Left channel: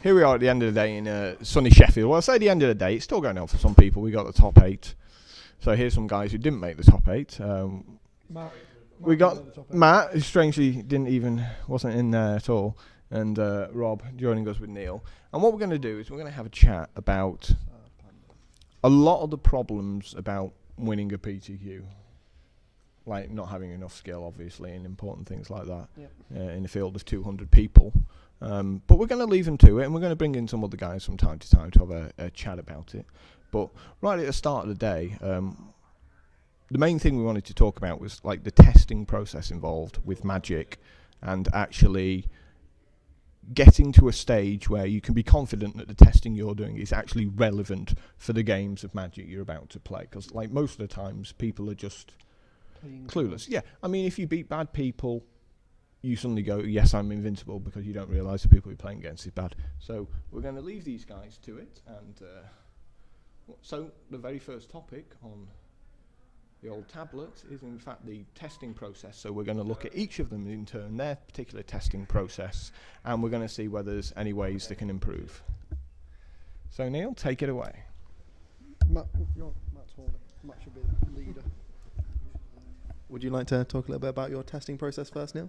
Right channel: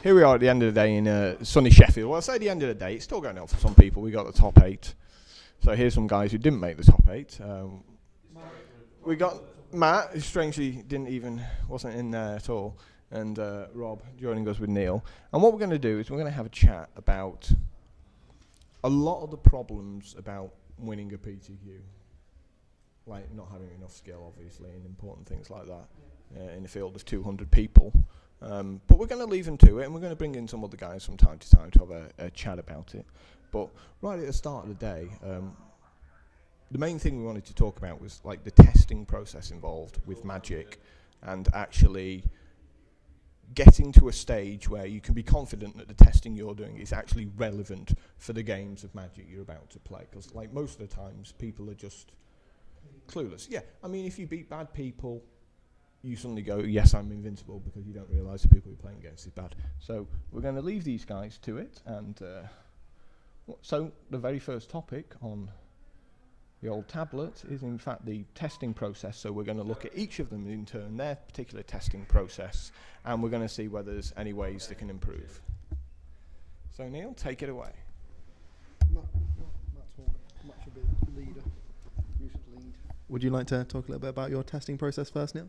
Here we are at the end of the day in sunny Sheffield. Well, I say the end of the day, it's still going on for some people. We got the top 8. So here's some guys who didn't make the top 8. We got Matt, who strangely wasn't in there at all, and Rob joining us with Neil. And what we're going to do is we're going to have a chat about a lot of the problems about winning a PTQ. Like not having enough skill, obviously, and important things like that. Yep. In a field of 200 people. But we're going to leave them to it, and we're going to bring in some other guys from time to time to have a chat about it. But right at the start of the day, the main thing we wanted to talk about was like the testing process involved with Magic, and actually getting to a stage where you can be confident that the testing you're doing is actually relevant for the games of Magic you're about to play. Because like most of the times, people are just clueless. Yeah, I mean, if you beat bad people, you suddenly go, yes, I'm invincible, because you don't realise the people you're playing against is bad. So we're going to leave these guys to it. And so the very first topic on the old tablet is, in fact, the testing process. So we're going to look at each of them in turn, their particular testing process, and we're going to see whether there's any ways they can improve. So, Neil, take it away. Matt should be the leader. You should lead. Would you like to talk a little bit about your testing process first, Neil?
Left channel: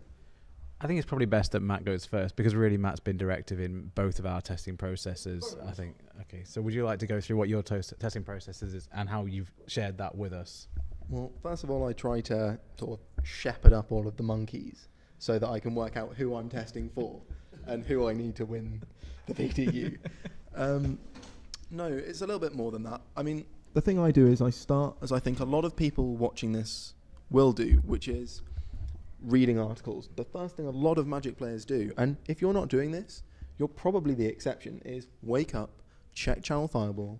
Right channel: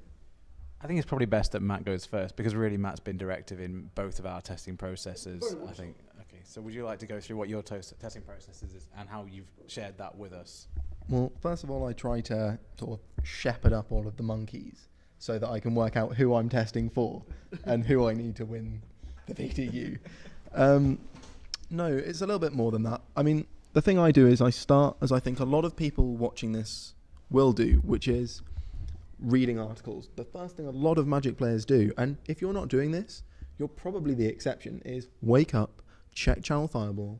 I think it's probably best that Matt goes first, because really Matt's been directive in both of our testing processes, I think. Okay, so would you like to go through what your testing process is and how you've shared that with us? Well, first of all, I try to sort of shepherd up all of the monkeys so that I can work out who I'm testing for and who I need to win the PTQ. No, it's a little bit more than that. I mean, the thing I do is I start, as I think a lot of people watching this will do, which is reading articles. The first thing a lot of Magic players do, and if you're not doing this, you're probably the exception, is wake up, check Channel Fireball,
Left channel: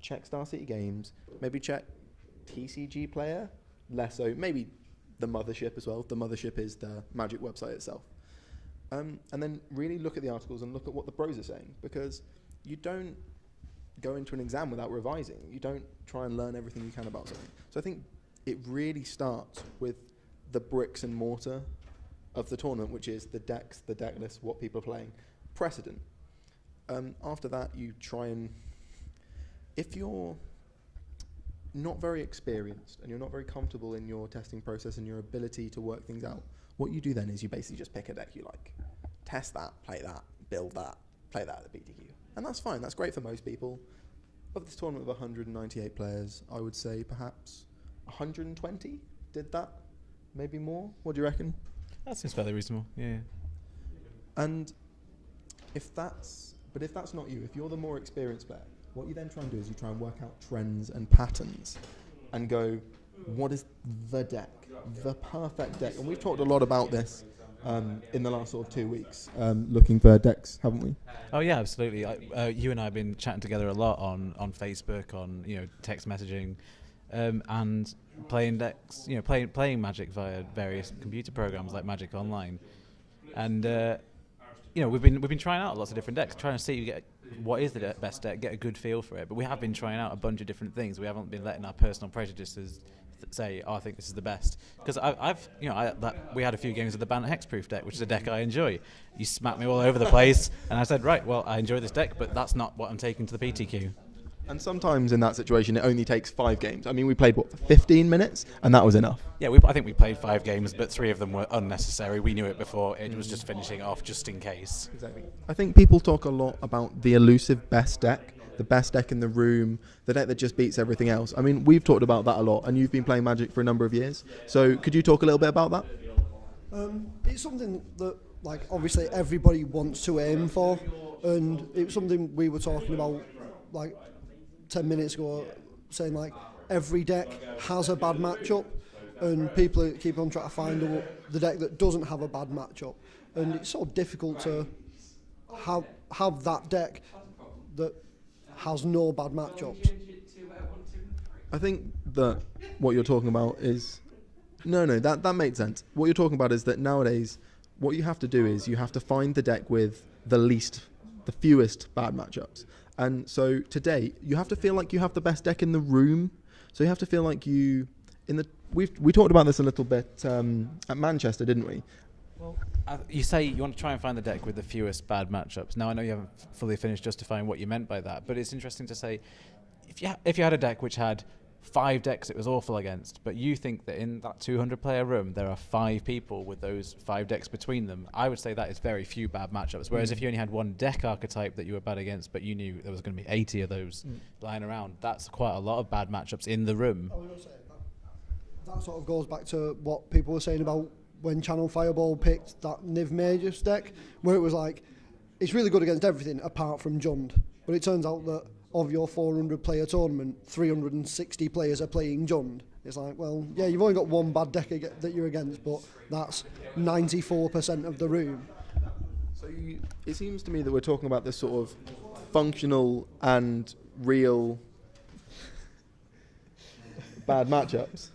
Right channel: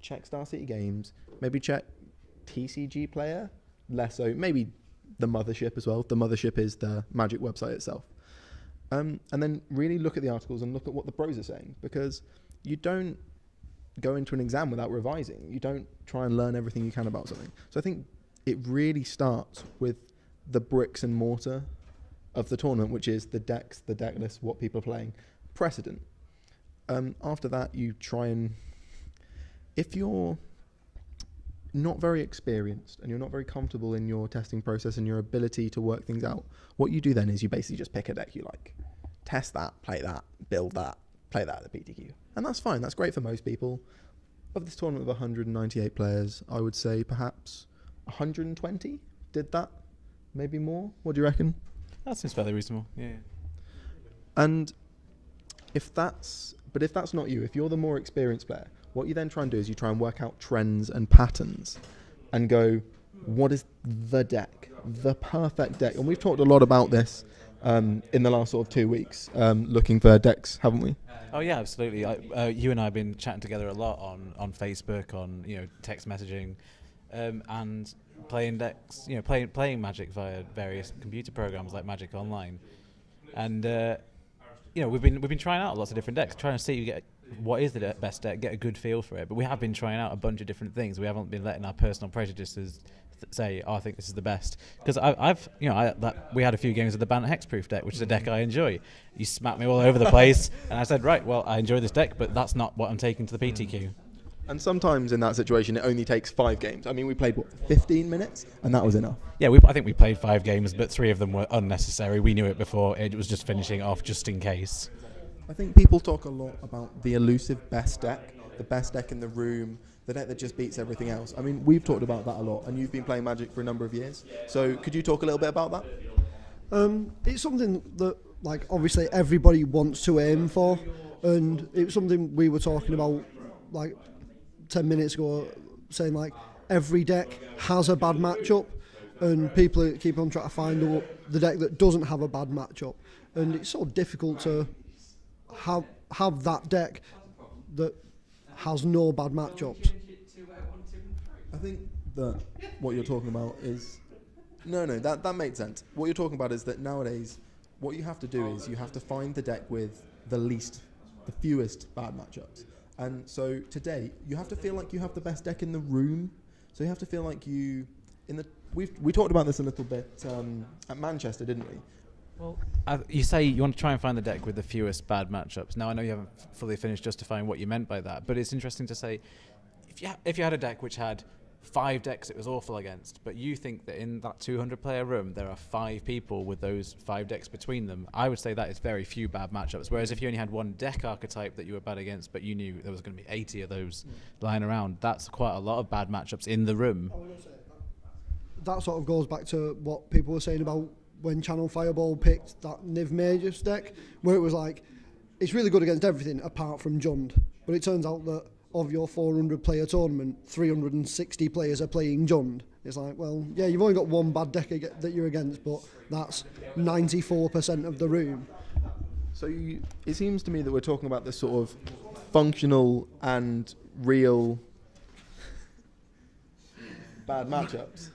check Star City Games, maybe check TCG Player, less so, maybe the Mothership as well. The Mothership is the Magic website itself. And then really look at the articles and look at what the pros are saying, because you don't go into an exam without revising. You don't try and learn everything you can about something. So I think it really starts with the bricks and mortar of the tournament, which is the decks, the deck list, what people are playing, precedent. After that, you try and, if you're not very experienced and you're not very comfortable in your testing process and your ability to work things out, what you do then is you basically just pick a deck you like. Test that, play that, build that, play that at the PTQ. And that's fine, that's great for most people. Of this tournament of 198 players, I would say perhaps 120 did that, maybe more. What do you reckon? That seems fairly reasonable, yeah. And if that's not you, if you're the more experienced player, what you then try and do is you try and work out trends and patterns and go, what is the deck, the perfect deck? And we've talked a lot about this in the last sort of 2 weeks, looking for decks, haven't we? Oh yeah, absolutely. You and I have been chatting together a lot on Facebook, on text messaging, and playing decks, playing Magic via various computer programs like Magic Online, and we've been trying out lots of different decks, trying to see what is the best deck, get a good feel for it. But we have been trying out a bunch of different things. We haven't been letting our personal prejudices say, I think this is the best. Because we had a few games of the Banner Hexproof deck, which is a deck I enjoy. You smacked me all over the place, and I said, right, well, I enjoy this deck, but that's not what I'm taking to the PTQ. And sometimes in that situation, it only takes 5 games. I mean, we played, 15 minutes? And that was enough. Yeah, I think we played 5 games, but 3 of them were unnecessary. We knew it before. It was just finishing off just in case. I think people talk a lot about the elusive best deck, the best deck in the room, the deck that just beats everything else. I mean, we've talked about that a lot, and you've been playing Magic for a number of years. So could you talk a little bit about that? It's something that, obviously everybody wants to aim for, and it was something we were talking about, 10 minutes ago, saying, every deck has a bad matchup, and people keep on trying to find the deck that doesn't have a bad matchup, and it's so difficult to have that deck that has no bad matchups. I think that what you're talking about is that makes sense. What you're talking about is that nowadays what you have to do is you have to find the deck with the fewest bad matchups. And so today you have to feel like you have the best deck in the room. So you have to feel like we talked about this a little bit at Manchester, didn't we? Well, you say you want to try and find the deck with the fewest bad matchups. Now, I know you haven't fully finished justifying what you meant by that, but it's interesting to say, if you had a deck which had 5 decks it was awful against, but you think that in that 200-player room there are 5 people with those 5 decks between them, I would say that is very few bad matchups. Whereas if you only had one deck archetype that you were bad against, but you knew there was going to be 80 of those lying around, that's quite a lot of bad matchups in the room. That sort of goes back to what people were saying about when Channel Fireball picked that Niv Magus deck, where it was like, it's really good against everything apart from Jund. But it turns out that of your 400-player tournament, 360 players are playing Jund. It's like, well, yeah, you've only got one bad deck that you're against, but that's 94% of the room. So it seems to me that we're talking about this sort of functional and real bad matchups.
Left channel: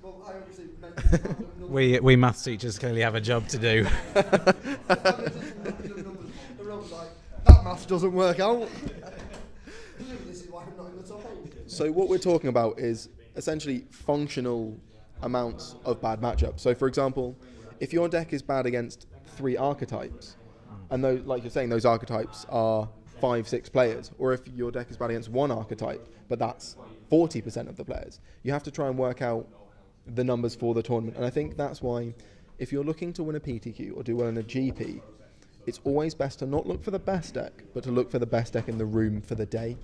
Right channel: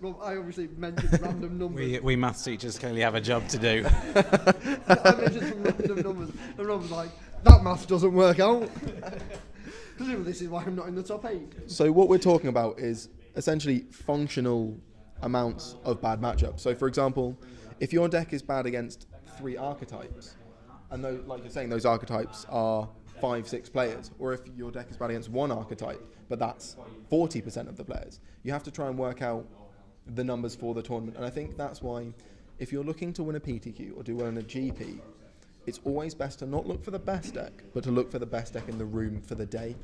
Rob, I obviously mentioned random numbers. We maths teachers clearly have a job to do. I mentioned some random numbers, and Rob's like, that math doesn't work out. This is why I'm not in the top 8. So what we're talking about is essentially functional amounts of bad matchups. So for example, if your deck is bad against 3 archetypes, and though, like you're saying, those archetypes are 5-6 players, or if your deck is bad against 1 archetype, but that's 40% of the players, you have to try and work out the numbers for the tournament. And I think that's why if you're looking to win a PTQ or do well in a GP, it's always best to not look for the best deck, but to look for the best deck in the room for the day.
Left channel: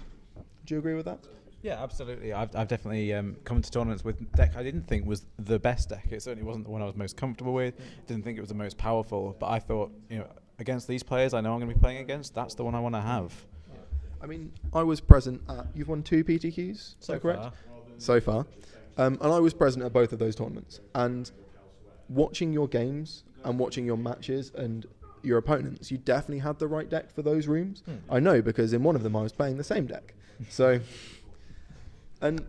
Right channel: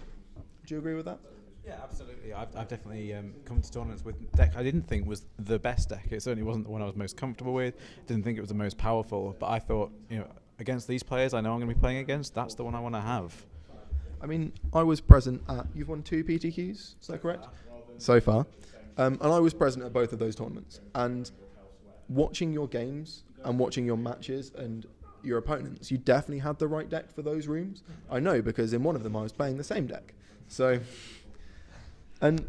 Do you agree with that? Yeah, absolutely. I've definitely come to tournaments with deck I didn't think was the best deck. It certainly wasn't the one I was most comfortable with. Didn't think it was the most powerful. But I thought, against these players I know I'm going to be playing against, that's the one I want to have. I mean, I was present at... You've won 2 PTQs, is that correct? So far. And I was present at both of those tournaments. And watching your games and watching your matches and your opponents, you definitely had the right deck for those rooms. I know, because in one of them I was playing the same deck. So, and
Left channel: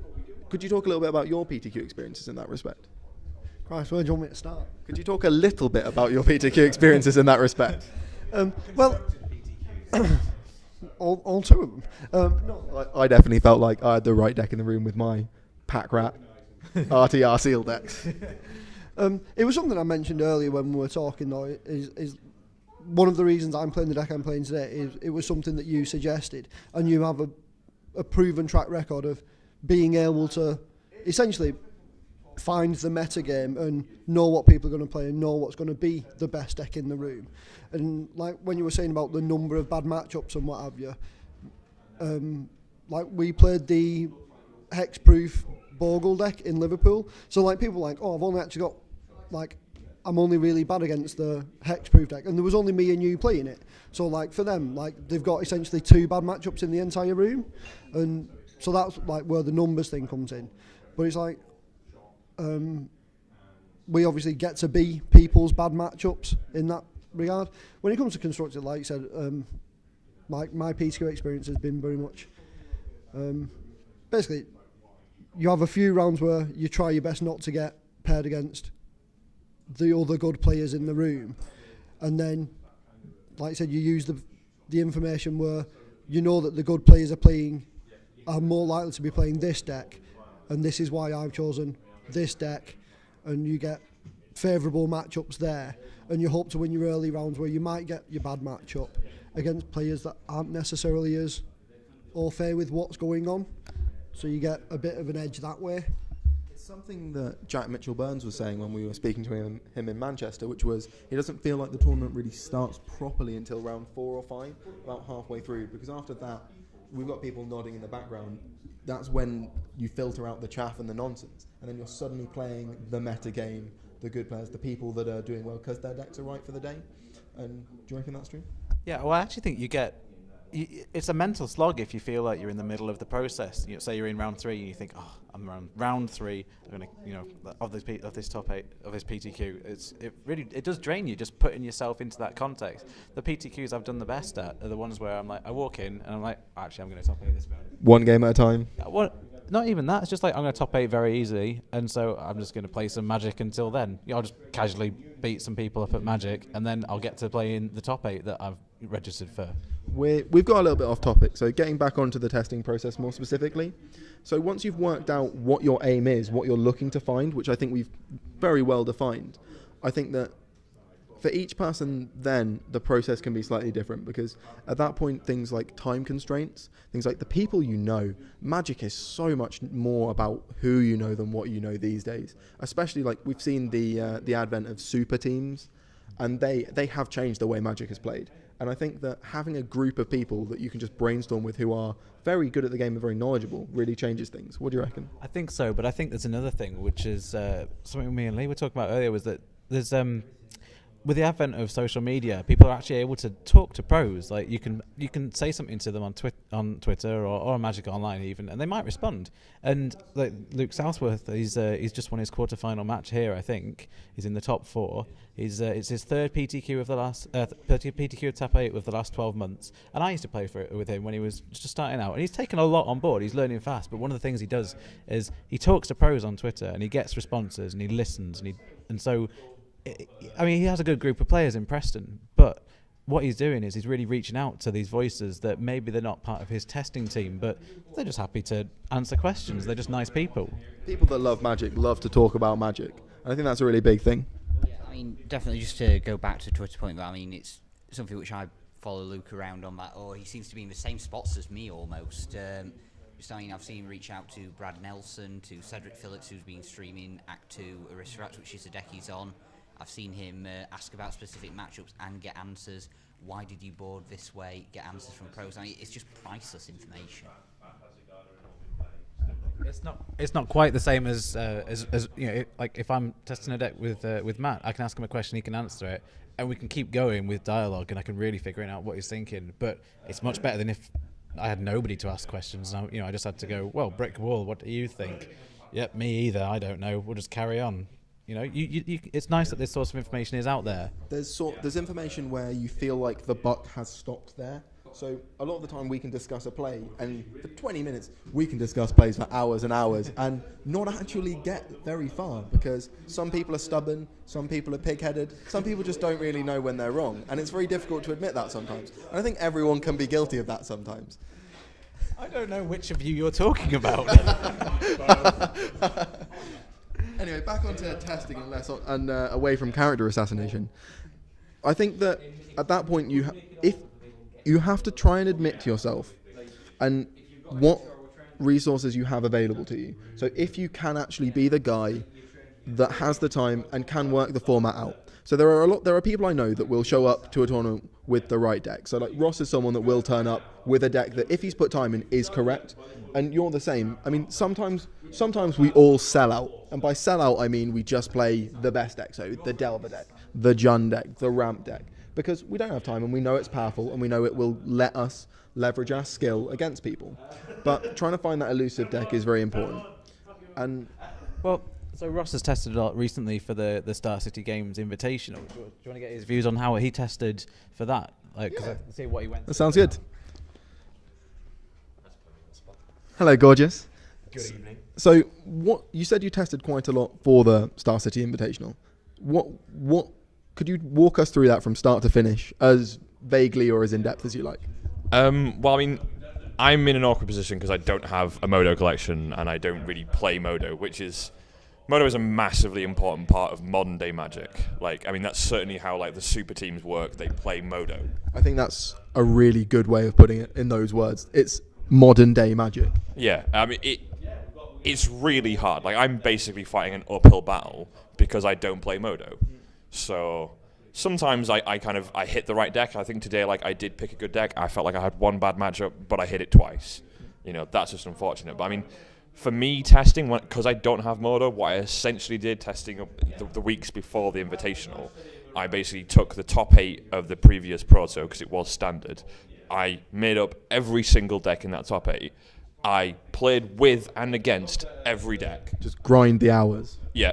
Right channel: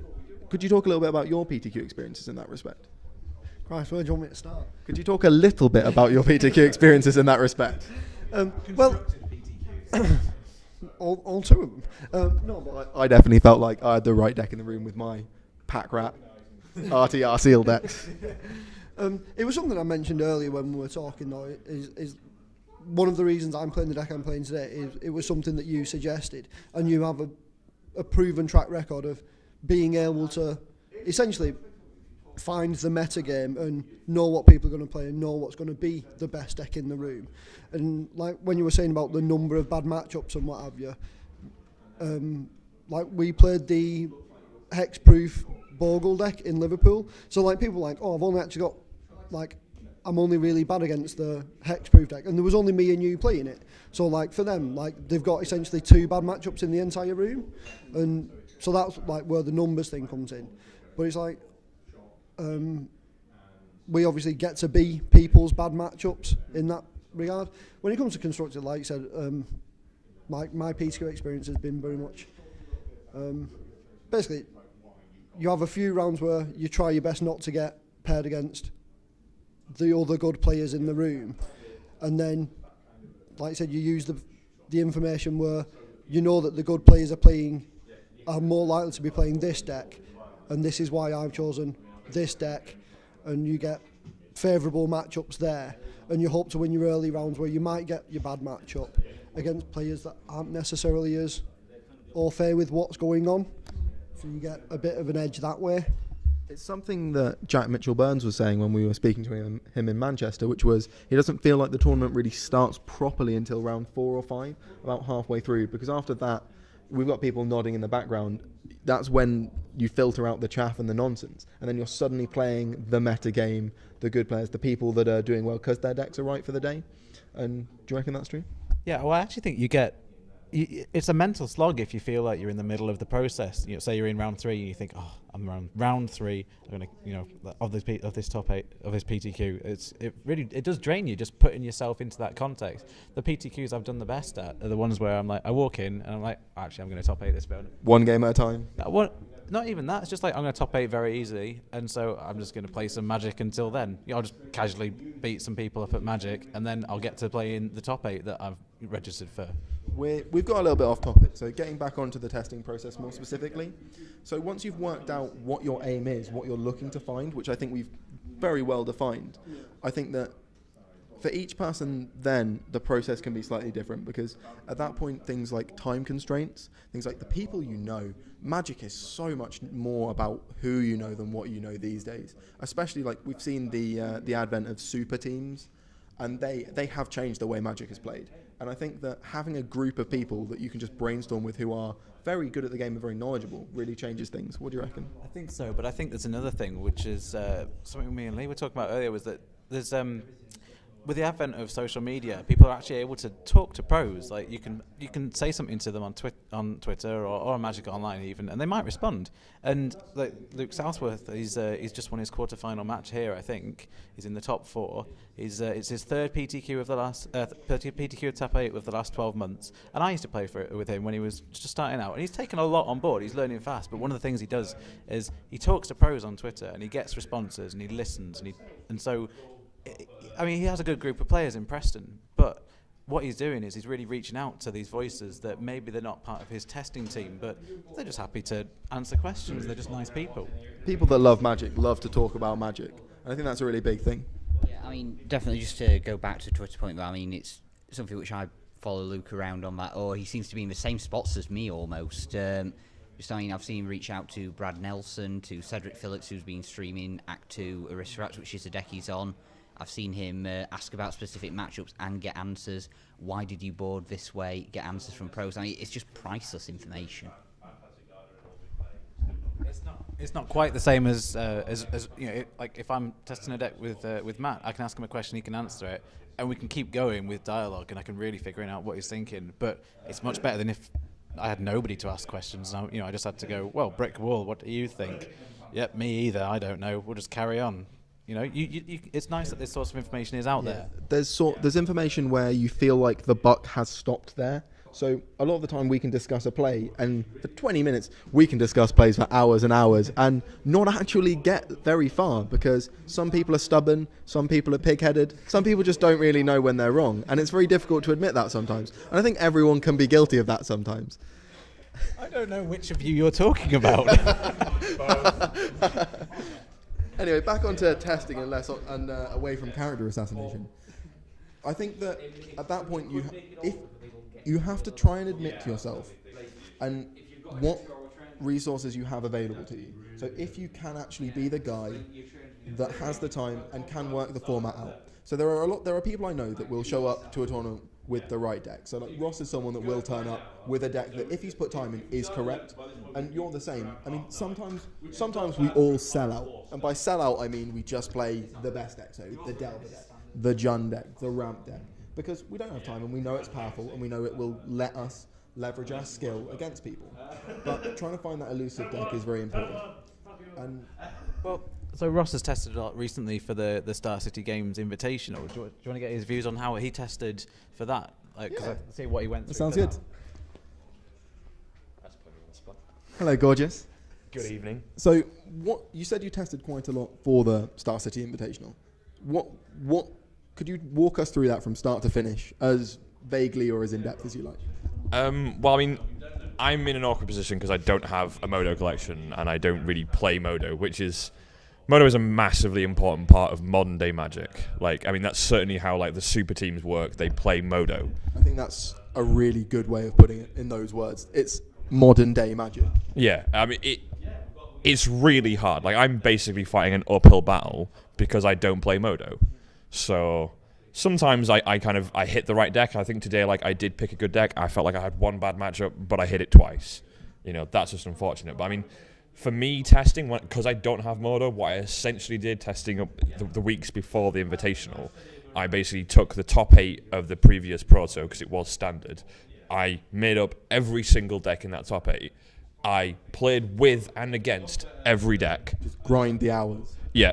could you talk a little bit about your PTQ experiences in that respect? Christ, where do you want me to start? Could you talk a little bit about your PTQ experiences in that respect? Well, all 2 of them. No, I definitely felt like I had the right deck in the room with my Pack Rat RTR Seal decks. it was something I mentioned earlier when we were talking, though, is one of the reasons I'm playing the deck I'm playing today is it was something that you suggested, and you have a proven track record of being able to essentially find the meta game and know what people are going to play and know what's going to be the best deck in the room. And like when you were saying about the number of bad matchups and what have you, like we played the hexproof Bogle deck in Liverpool, so like people were like, oh, I've only actually got like, I'm only really bad against the hexproof deck, and there was only me and you playing it. So like for them, like they've got essentially 2 bad matchups in the entire room, and so that's like where the numbers thing comes in. But it's like we obviously get to be people's bad matchups in that regard. When it comes to constructed, like you said, like my PTQ experience has been very much basically you have a few rounds where you try your best not to get paired against the other good players in the room, and then like I said, you use the information where you know that the good players are more likely to be playing this deck, and this is why I've chosen this deck, and you get favourable matchups there, and you hope to win your early rounds where you might get your bad matchup against players that aren't necessarily as au fait with what's going on, so you get a bit of an edge that way. It's something that Jack Mitchell-Burns was saying when we were speaking to him in Manchester, which was he doesn't feel like the tournament really starts properly until round 4 or 5, about halfway through, because after that, we've got people nodding in the background. That's when you filter out the chaff and the nonsense, and then you're suddenly playing the meta game, the good players, the people that are doing well because their decks are right for the day. And do you reckon that's true? Yeah, well, I actually think it's a mental slog if you feel like you're in the middle of the process. Say you're in round 3 and you think, oh, I'm around round 3. I'm gonna, of this top 8 of this PTQ. It does drain you just putting yourself into that context. The PTQs I've done the best at are the ones where I'm like, I walk in and I'm like, actually, I'm going to top 8 this bit. One game at a time. Not even that. It's just like I'm going to top 8 very easily, and so I'm just going to play some Magic until then. I'll just casually beat some people up at Magic, and then I'll get to play in the top 8 that I've registered for. We've got a little bit off topic, so getting back onto the testing process more specifically. So once you've worked out what your aim is, what you're looking to find, which I think we've very well defined, I think that for each person, then the process can be slightly different, because at that point, things like time constraints, things like the people you know, Magic is so much more about who you know than what you know these days. Especially like we've seen the advent of super teams, and they have changed the way Magic is played. And I think that having a group of people that you can just brainstorm with who are very good at the game and very knowledgeable really changes things. What do you reckon? I think so, but I think there's another thing, which is something me and Lee were talking about earlier, was that there's with the advent of social media, people are actually able to talk to pros. Like you can say something to them on Twitter or on Magic Online even, and they might respond. And like Luke Southworth, he's just won his quarterfinal match here. I think he's in the top 4. It's his third PTQ of the last PTQ of top 8 of the last 12 months. And I used to play with him when he was just starting out, and he's taken a lot on board. He's learning fast, but one of the things he does is he talks to pros on Twitter and he gets responses and he listens and so. I mean, he has a good group of players in Preston, but what he's doing is he's really reaching out to these voices that maybe they're not part of his testing team, but they're just happy to answer questions. They're just nice people. People that love Magic love to talk about Magic. And I think that's a really big thing. Yeah, I mean, definitely just to go back to Twitter point, I mean, it's something which I follow Luke around on that, or he seems to be in the same spots as me almost. I've seen him reach out to Brad Nelson, to Cedric Phillips, who's been streaming Act 2 Aristocrats, which is the deck he's on. I've seen him ask about specific matchups and get answers. Why did you board this way? Get answers from pros. I mean, it's just priceless information. It's not quite the same as you know. Like if I'm testing a deck with Matt, I can ask him a question, he can answer it, and we can keep going with dialogue, and I can really figure out what he's thinking. But it's much better than if I had nobody to ask questions. And I just had to go, well, brick wall. What do you think? Yep, me either. I don't know. We'll just carry on. It's nice that this source of information is out there. There's information where you feel like the buck has stopped there. So a lot of the time we can discuss a play, and for 20 minutes we can discuss plays for hours and hours and not actually get very far, because some people are stubborn, some people are pig-headed, some people just don't really know when they're wrong, and it's very difficult to admit that sometimes. And I think everyone can be guilty of that sometimes. I don't know which of you you're talking about. Anyway, back onto testing and away from character assassination. I think that at that point if you have to try and admit to yourself and what resources you have available to you. So if you can actually be the guy that has the time and can work the format out. So there are people I know that will show up to a tournament with the right deck. So like Ross is someone that will turn up with a deck that if he's put time in is correct, and you're the same. I mean, sometimes we all sell out, and by sell out I mean we just play the best deck, so the Delver deck, the Jund deck, the Ramp deck, because we don't have time and we know it's powerful and we know it will let us leverage our skill against people. But trying to find that elusive deck is very important. And so Ross has tested a lot recently for the Star City Games Invitational. Do you want to get his views on how he tested for that? Because I see what he went through. That sounds good. Hello, gorgeous. Good evening. So, what you said you tested quite a lot for the Star City Invitational. What could you walk us through that from start to finish, as vaguely or as in depth as you like? Well, I mean, I'm in an awkward position because I don't have a Modo collection and I don't really play Modo, Modo is a massively important part of modern day Magic. Like, I mean, that's certainly how like the super teams work. They play Modo. I think that's a really good way of putting it in those words. It's modern day Magic. Yeah, I mean, it's really hard. Like, I'm basically fighting an uphill battle because I don't play Modo. So sometimes I hit the right deck. I think today, like, I did pick a good deck. I felt like I had one bad matchup, but I hit it twice. That's just unfortunate. But I mean, for me, testing, because I don't have Modo, what I essentially did testing up the weeks before the Invitational, I basically took the top 8 of the previous Proto, because it was standard. I made up every single deck in that top 8. I played with and against every deck. Just grind the hours. Yeah.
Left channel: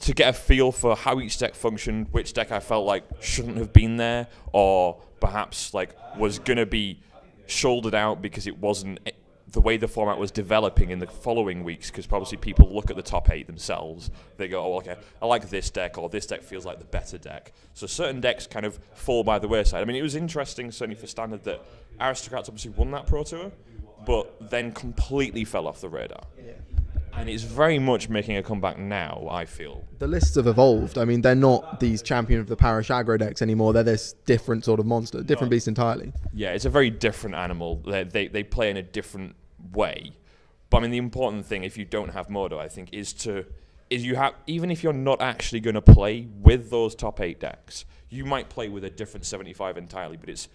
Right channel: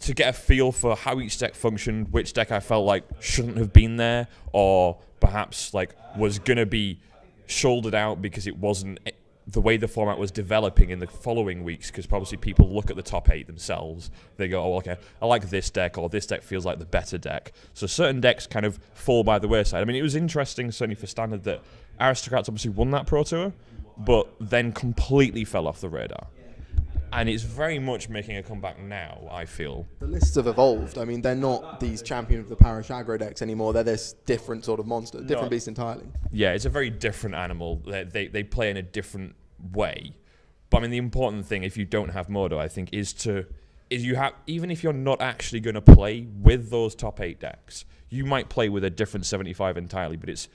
To get a feel for how each deck functioned, which deck I felt like shouldn't have been there, or perhaps like was going to be shouldered out because it wasn't the way the format was developing in the following weeks, because obviously people look at the top 8 themselves. They go, oh, okay, I like this deck, or this deck feels like the better deck. So certain decks kind of fall by the wayside. I mean, it was interesting, certainly for Standard, that Aristocrats obviously won that Pro Tour, but then completely fell off the radar. and it's very much making a comeback now, I feel. The lists have evolved. I mean, they're not these champion of the parish aggro decks anymore. They're this different sort of monster, different beast entirely. Yeah, it's a very different animal. They play in a different way. But I mean, the important thing, if you don't have Modo, I think, is you have, even if you're not actually going to play with those top 8 decks, you might play with a different 75 entirely, but it's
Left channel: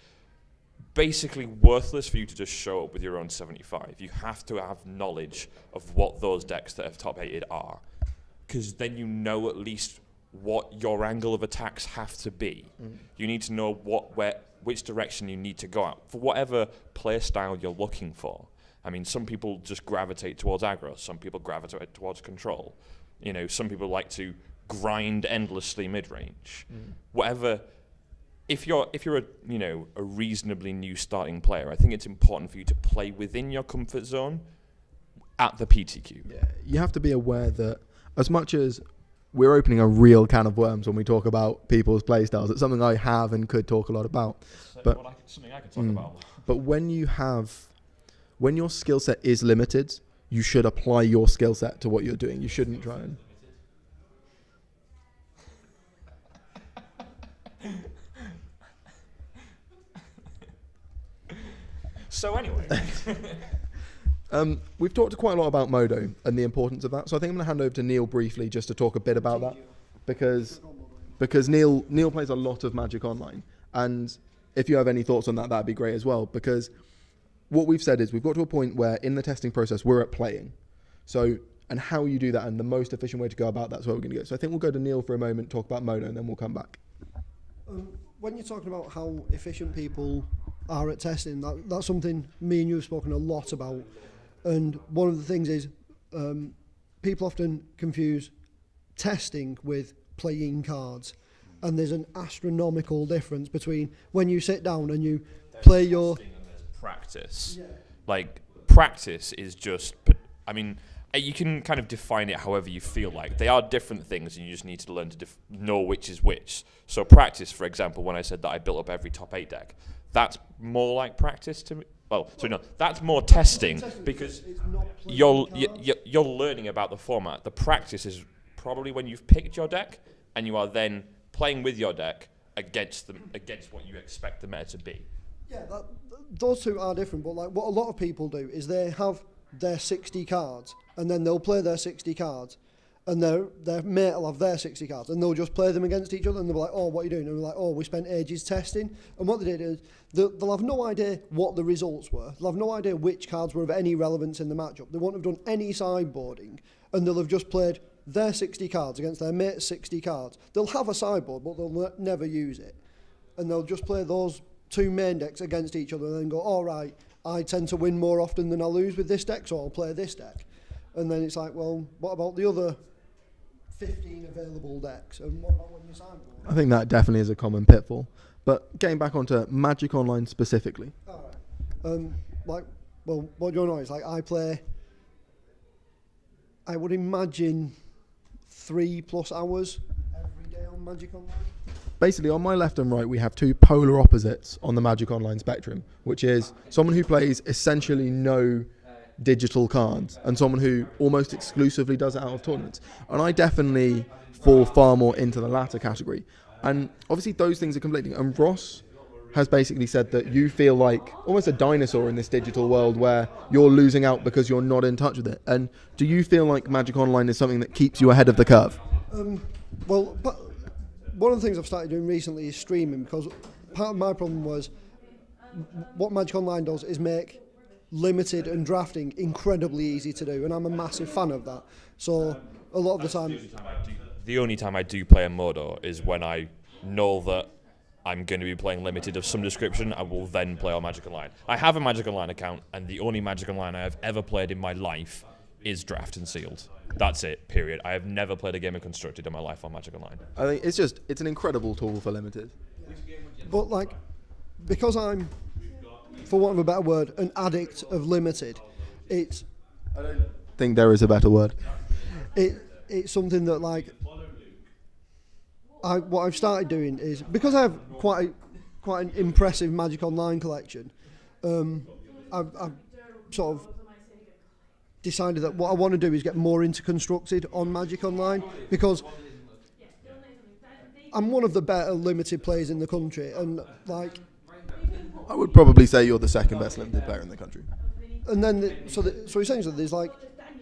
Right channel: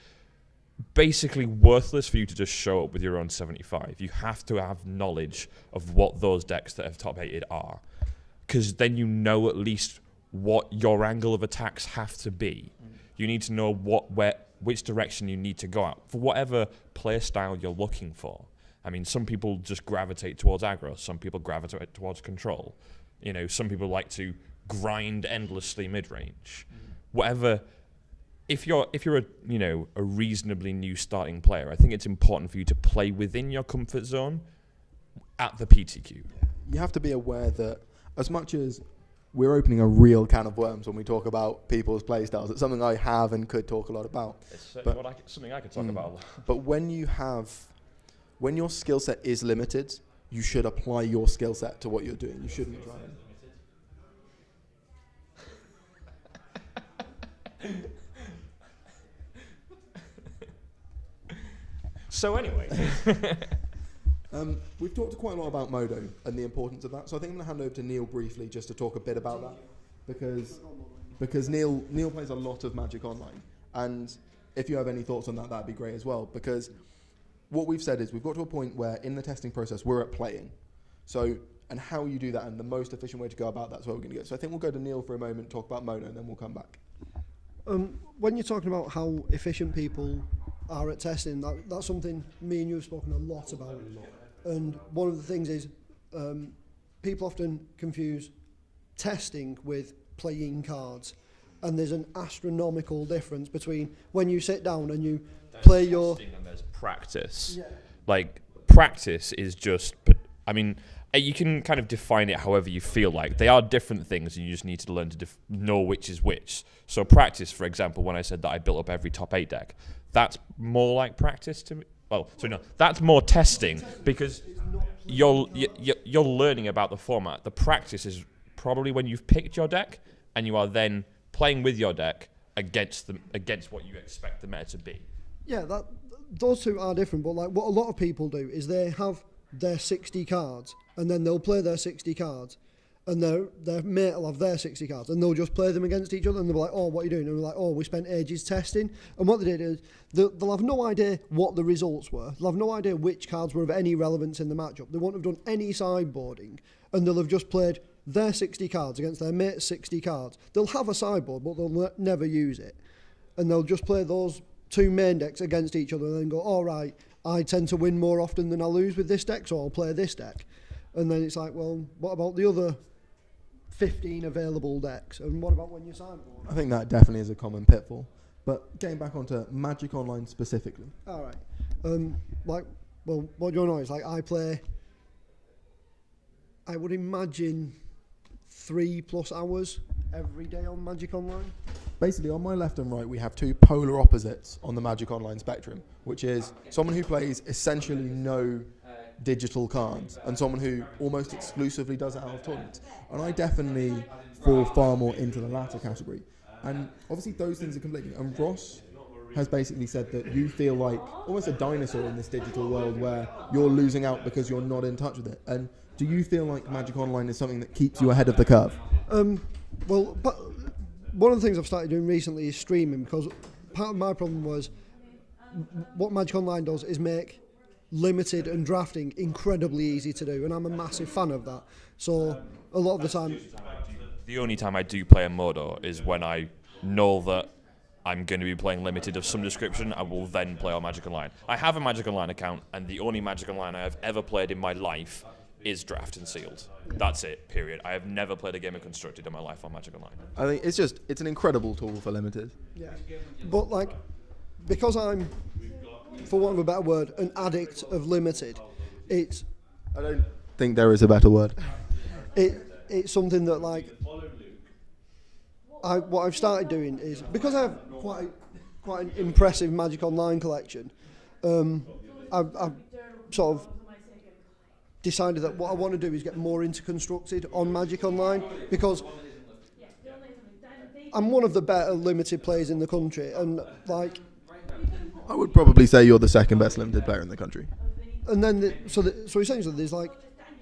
basically worthless for you to just show up with your own 75. You have to have knowledge of what those decks that have top 8'd are, because then you know at least what your angle of attacks have to be. You need to know which direction you need to go out for whatever play style you're looking for. I mean, some people just gravitate towards aggro, some people gravitate towards control. You know, some people like to grind endlessly mid-range. Whatever. If you're a reasonably new starting player, I think it's important for you to play within your comfort zone at the PTQ. Yeah. You have to be aware that as much as we're opening a real can of worms when we talk about people's playstyles, it's something I have and could talk a lot about. But something I could talk about. But when your skill set is limited, you should apply your skill set to what you're doing. You shouldn't try and... So anyway, we've talked quite a lot about Modo and the importance of that. So I think I'm going to hand over to Neil briefly just to talk a bit about that, because Neil plays a lot of Magic Online, and if you have any thoughts on that, that'd be great as well. Because what we've said is we've got to a point where in the testing process we're at playing. So, and how you do that and the most efficient way to go about that's where we're going to go. So I think we'll go to Neil for a moment, talk about Modo, and then we'll come back. When you're talking about how efficient people are at testing, that's something me and you have spoken a lot about. And one of the things is people often confuse testing with playing cards. And there's an astronomical difference between when you sit down and you play your... And there's practice. Yeah. Like, practice is just... I mean, you can kind of define it however you feel like. They are different things, and you just need to learn to know which is which. So practice, for example, when I said that I built up every top 8 deck, that's more like practice to me. Well, sorry, no, that's more testing, because you're learning about the format. The practice is probably when you've picked your deck and you are then playing with your deck against what you expect the meta to be. Yeah, those two are different, but like what a lot of people do is they have their 60 cards and then they'll play their 60 cards and their mate will have their 60 cards and they'll just play them against each other and they'll be like, oh, what are you doing? And we're like, oh, we spent ages testing. And what they did is they'll have no idea what the results were. They'll have no idea which cards were of any relevance in the matchup. They won't have done any sideboarding, and they'll have just played their 60 cards against their mate's 60 cards. They'll have a sideboard, but they'll never use it. And they'll just play those two main decks against each other and then go, all right, I tend to win more often than I lose with this deck, so I'll play this deck. And then it's like, well, what about the other 15 available decks? And what about when you sideboard? I think that definitely is a common pitfall. But getting back onto Magic Online specifically. All right. What do you know is, like, I would imagine 3+ hours every day on Magic Online. Basically, on my left and right, we have two polar opposites on the Magic Online spectrum, which is someone who plays essentially no digital cards and someone who almost exclusively does it out of tournaments. And I definitely fall far more into the latter category. And obviously those things are conflicting. And Ross has basically said that you feel like almost a dinosaur in this digital world where you're losing out because you're not in touch with it. And do you feel like Magic Online is something that keeps you ahead of the curve? Well, but one of the things I've started doing recently is streaming, because part of my problem was what Magic Online does is make limited and drafting incredibly easy to do, and I'm a massive fan of that. So a lot of the time... The only time I do play a Modo is when I know that I'm going to be playing limited of some description. I will then play on Magic Online. I have a Magic Online account, and the only Magic Online I have ever played in my life is Draft and Sealed. That's it, period. I have never played a game of Constructed in my life on Magic Online. I think it's an incredible tool for limited. Yeah. But like, because I'm, for want of a better word, an addict of limited, I don't think there is a better word. It's something that, like, what I've started doing is, because I have quite an impressive Magic Online collection, I've sort of decided that what I want to do is get more into Constructed on Magic Online, because I'm one of the better limited players in the country, and like I would probably say you're the second best limited player in the country. And then so essentially there's like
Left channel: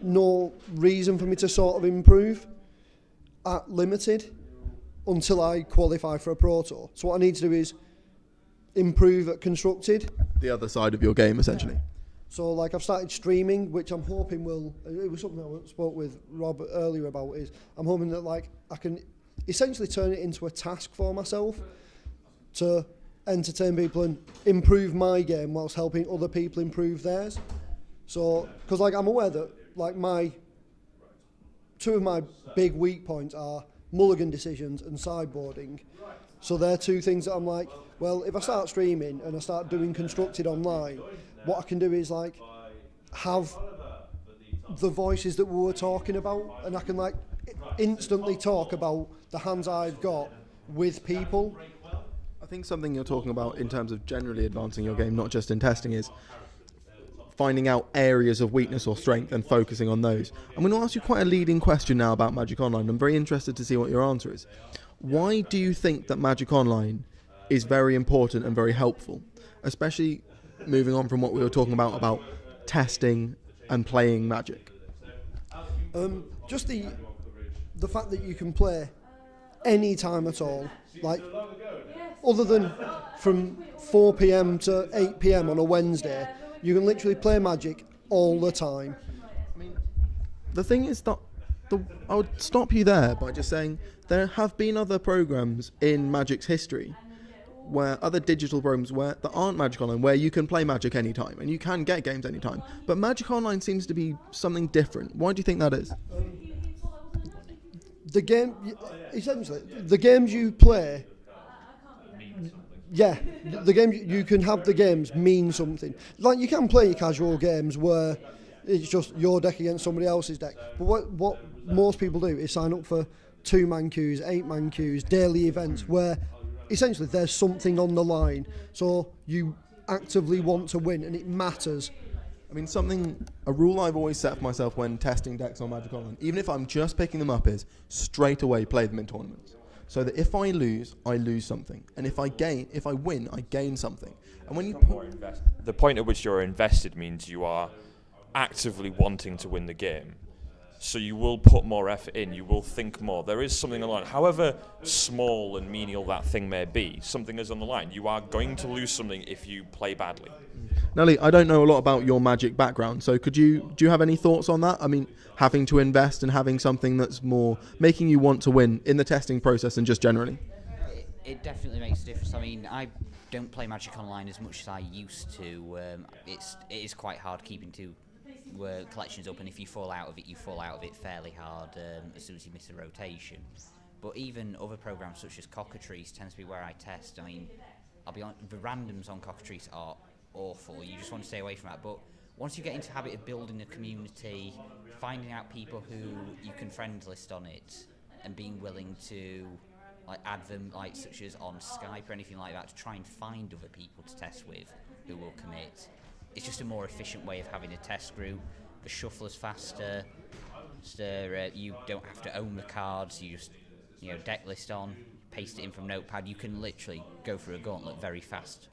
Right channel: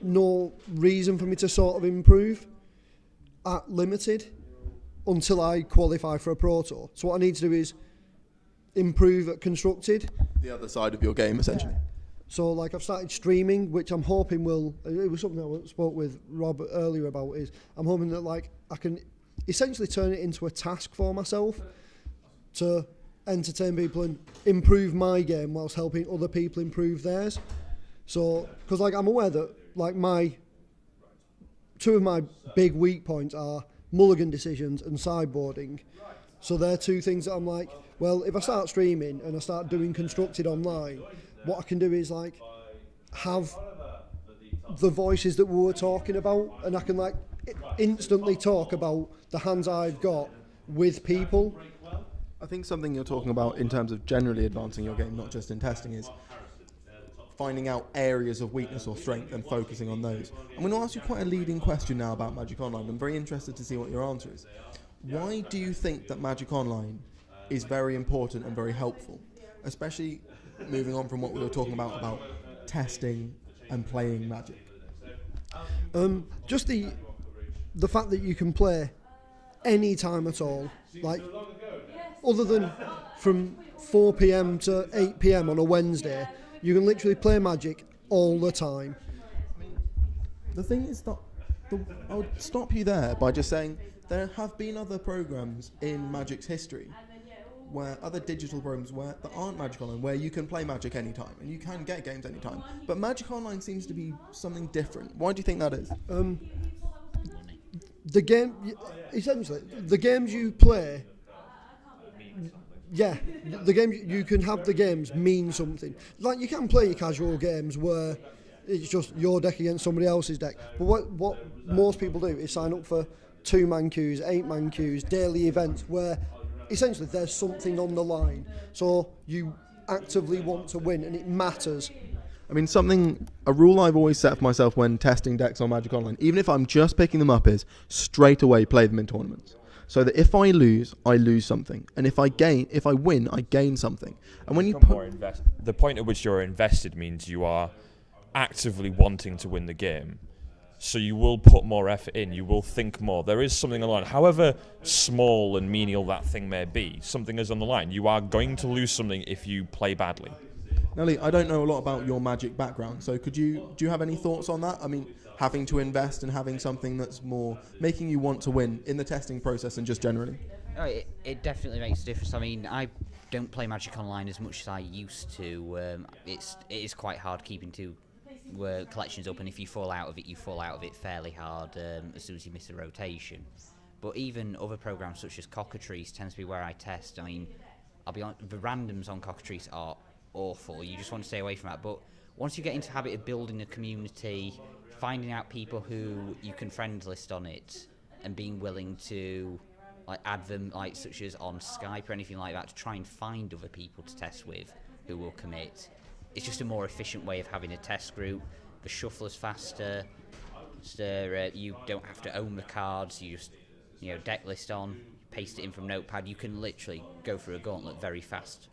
no reason for me to sort of improve at limited until I qualify for a Pro Tour. So what I need to do is improve at Constructed. The other side of your game, essentially. Yeah. So like I've started streaming, which I'm hoping will, it was something I spoke with Rob earlier about, is I'm hoping that like I can essentially turn it into a task for myself to entertain people and improve my game whilst helping other people improve theirs. So, because like I'm aware that like two of my big weak points are mulligan decisions and sideboarding. So they're two things that I'm like, well, if I start streaming and I start doing Constructed online, what I can do is like have the voices that we were talking about, and I can like instantly talk about the hands I've got with people. I think something you're talking about in terms of generally advancing your game, not just in testing, is finding out areas of weakness or strength and focusing on those. I'm going to ask you quite a leading question now about Magic Online. I'm very interested to see what your answer is. Why do you think that Magic Online is very important and very helpful, especially moving on from what we were talking about testing and playing Magic? Just the fact that you can play any time at all, like other than from 4 p.m. to 8 p.m. on a Wednesday, you can literally play Magic all the time. I mean, the thing is that I would stop you there by just saying there have been other programs in Magic's history, where other digital programs that aren't Magic Online, where you can play Magic anytime and you can get games anytime. But Magic Online seems to be something different. Why do you think that is? The game, essentially, the games you play, yeah, the games you can have the games mean something. Like you can play your casual games where it's just your deck against somebody else's deck. But what most people do is sign up for 2-man queues, 8-man queues, daily events where essentially there's something on the line. So you actively want to win and it matters. I mean, a rule I've always set for myself when testing decks on Magic Online, even if I'm just picking them up, is straight away play them in tournaments. So that if I lose something, and if I win, I gain something. And when you the point at which you're invested means you are actively wanting to win the game. So you will put more effort in, you will think more. There is something on the line. However small and menial that thing may be, something is on the line. You are going to lose something if you play badly. Nelly, I don't know a lot about your Magic background, so do you have any thoughts on that? I mean, having to invest and having something that's more making you want to win in the testing process and just generally? It definitely makes a difference. I mean, I don't play Magic Online as much as I used to. It is quite hard keeping two collections up, and if you fall out of it, you fall out of it fairly hard as soon as you miss a rotation. But even other programs such as Cockatrice tends to be where I test. I mean, I'll be honest, the randoms on Cockatrice are awful. You just want to stay away from that. But once you get into the habit of building a community, finding out people who you can friend list on it, and being willing to like add them, like such as on Skype or anything like that, to try and find other people to test with who will commit. It's just a more efficient way of having a test group. The shuffle is faster. You don't have to own the cards. You just deck list on, paste it in from Notepad. You can literally go through a gauntlet very fast.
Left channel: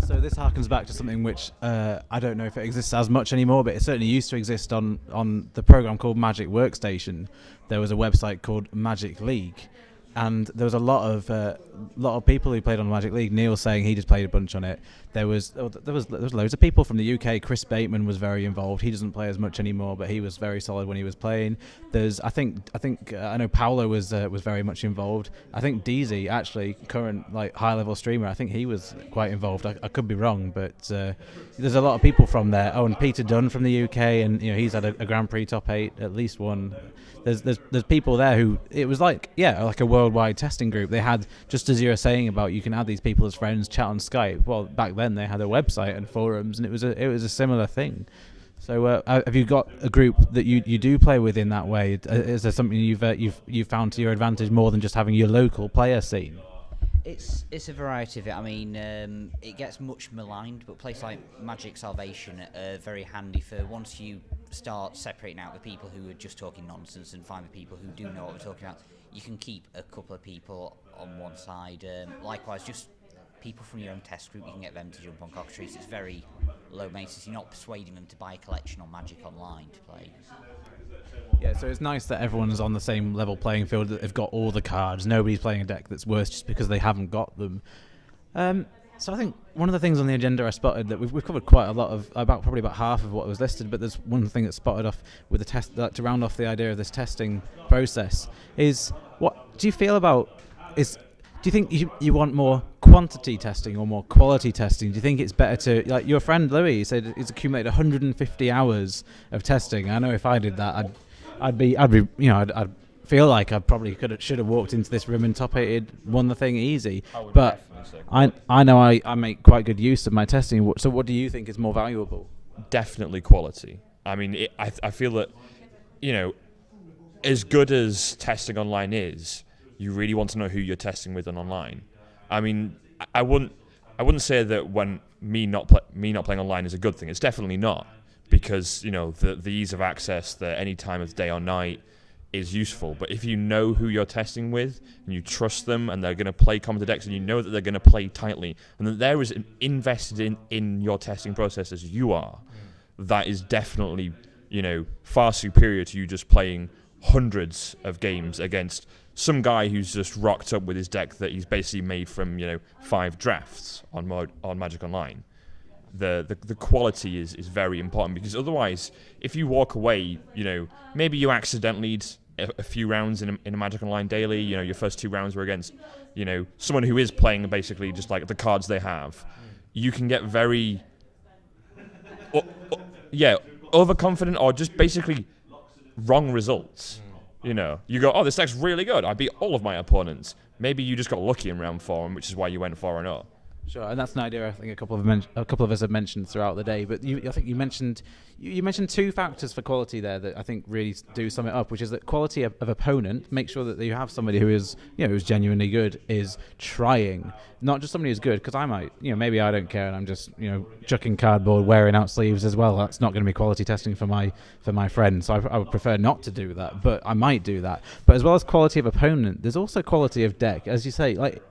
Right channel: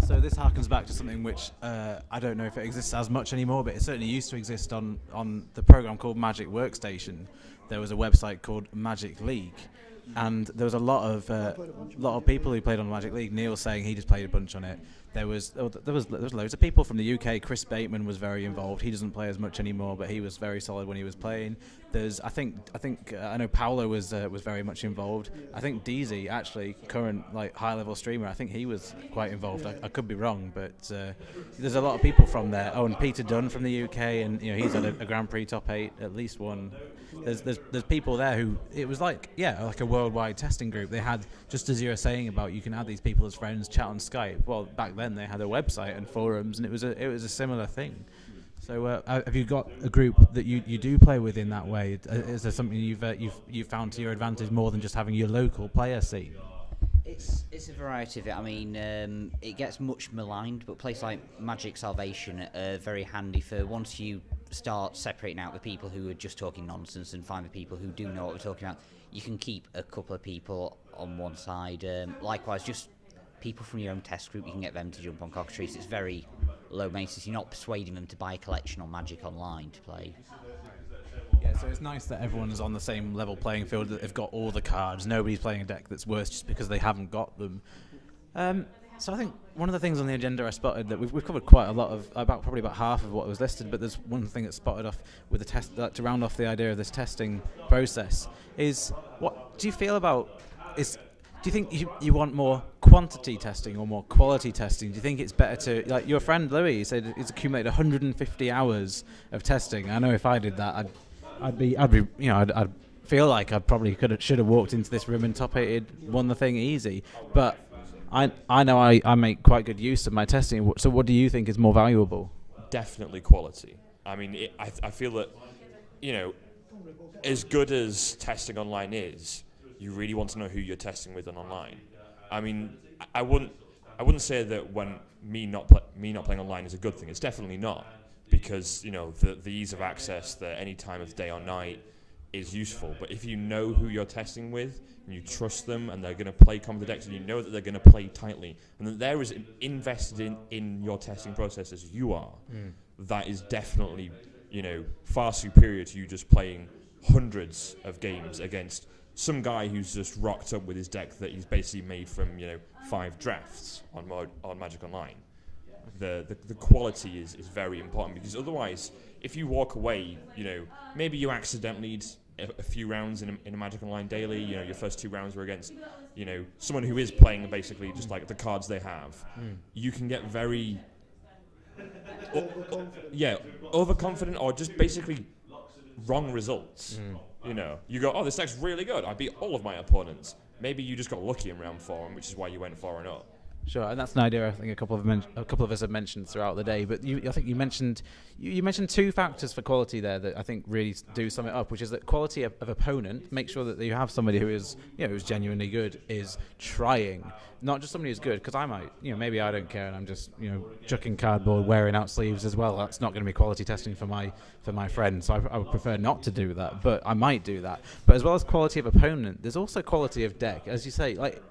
So this harkens back to something which I don't know if it exists as much anymore, but it certainly used to exist on the program called Magic Workstation. There was a website called Magic League, and there was a lot of people who played on Magic League. Neil saying he just played a bunch on it. There was loads of people from the UK. Chris Bateman was very involved. He doesn't play as much anymore, but he was very solid when he was playing. I know Paolo was very much involved. I think DZ, actually current high level streamer, I think he was quite involved. I could be wrong, but there's a lot of people from there. Oh, and Peter Dunn from the UK, and he's had a Grand Prix top 8, at least one. There's people there who it was like a worldwide testing group. They had, just as you were saying about you can add these people as friends, chat on Skype. Well, back then they had a website and forums, and it was a similar thing. So have you got a group that you do play with in that way? Is there something you've found to your advantage more than just having your local player scene? It's a variety of it. I mean, it gets much maligned, but places like Magic Salvation are very handy for once you start separating out the people who are just talking nonsense and find the people who do know what we're talking about. You can keep a couple of people on one side. Likewise, just people from your own test group, you can get them to jump on cockatrice. It's very low maintenance. You're not persuading them to buy a collection on Magic Online to play. Yeah, so it's nice that everyone's on the same level playing field, that they've got all the cards. Nobody's playing a deck that's worse just because they haven't got them. So I think one of the things on the agenda I spotted that we've covered quite a lot of, probably about half of what was listed, but there's one thing that's spotted off with the test, that to round off the idea of this testing process, is what do you feel about, do you think you want more quantity testing or more quality testing? Do you think it's better to, like your friend Louis said, he's accumulated 150 hours of testing. I know if I did that, I'd feel like I probably should have walked into this room and top 8'd, won the thing easy. But I know I make quite good use of my testing. So what do you think is more valuable? Definitely quality. I mean, I feel that, as good as testing online is, you really want to know who you're testing with online. I mean, I wouldn't say that when me not playing online is a good thing. It's definitely not, because the ease of access, the any time of day or night is useful. But if you know who you're testing with and you trust them and they're going to play Commentator decks and you know that they're going to play tightly and that they're as invested in your testing process as you are, that is definitely far superior to you just playing hundreds of games against some guy who's just rocked up with his deck that he's basically made from 5 drafts on Magic Online. The quality is very important, because otherwise, if you walk away, maybe you accidentally a few rounds in a Magic Online daily. Your first 2 rounds were against someone who is playing basically just like the cards they have. You can get very overconfident, or just basically wrong results. You go, oh, this deck's really good. I beat all of my opponents. Maybe you just got lucky in round 4, which is why you went 4-0. Sure, and that's an idea I think a couple of us have mentioned throughout the day. But I think you mentioned 2 factors for quality there that I think really do sum it up, which is that quality of opponent. Make sure that you have somebody who is who's genuinely good, is trying, not just somebody who's good. Because I might maybe I don't care and I'm just chucking cardboard, wearing out sleeves as well. That's not going to be quality testing for my friend. So I would prefer not to do that, but I might do that. But as well as quality of opponent, there's also quality of deck, as you say, like.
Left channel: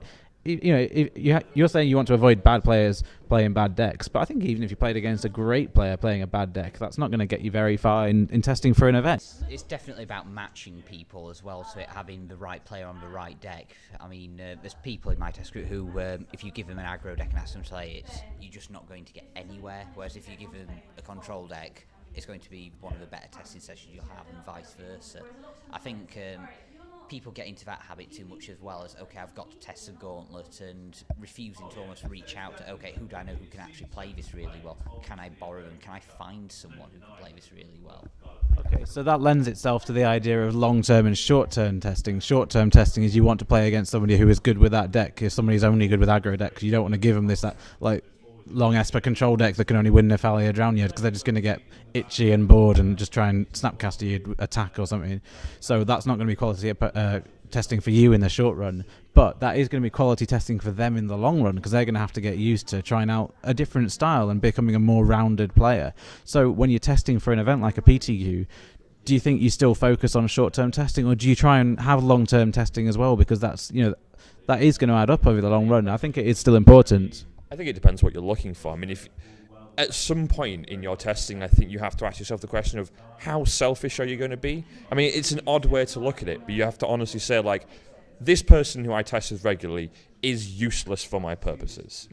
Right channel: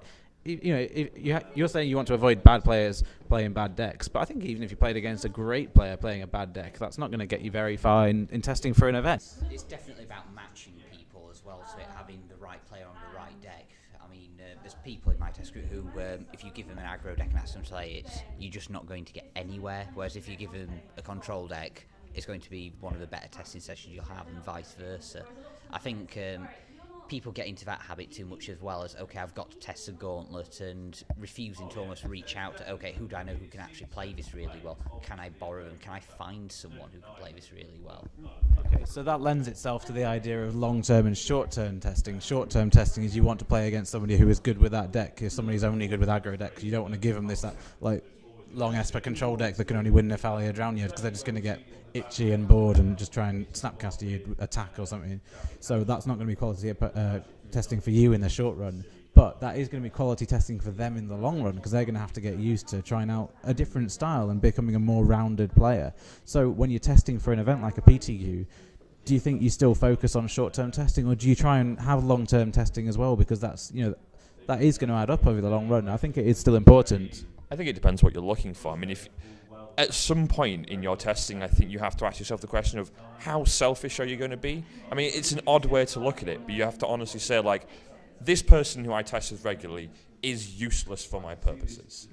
You're saying you want to avoid bad players playing bad decks, but I think even if you played against a great player playing a bad deck, that's not going to get you very far in testing for an event. It's definitely about matching people as well, so having the right player on the right deck. I mean, there's people in my test group who, if you give them an aggro deck and ask them to play it, you're just not going to get anywhere, whereas if you give them a control deck, it's going to be one of the better testing sessions you'll have, and vice versa. I think people get into that habit too much as well, as okay, I've got to test a gauntlet, and refusing to almost reach out to okay, who do I know who can actually play this really well? Can I borrow them? Can I find someone who can play this really well? Okay, so that lends itself to the idea of long-term and short-term testing. Short-term testing is you want to play against somebody who is good with that deck. If somebody's only good with aggro decks, you don't want to give them that long Esper control deck that can only win Nephalia Drown You, because they're just going to get itchy and bored and just try and snapcaster you attack or something. So that's not going to be quality testing for you in the short run, but that is going to be quality testing for them in the long run, because they're going to have to get used to trying out a different style and becoming a more rounded player. So when you're testing for an event like a PTQ, do you think you still focus on short-term testing, or do you try and have long-term testing as well, because that's that is going to add up over the long run? I think it is still important. I think it depends what you're looking for. I mean, if at some point in your testing, I think you have to ask yourself the question of how selfish are you going to be? I mean, it's an odd way to look at it, but you have to honestly say, like, this person who I test with regularly is useless for my purposes.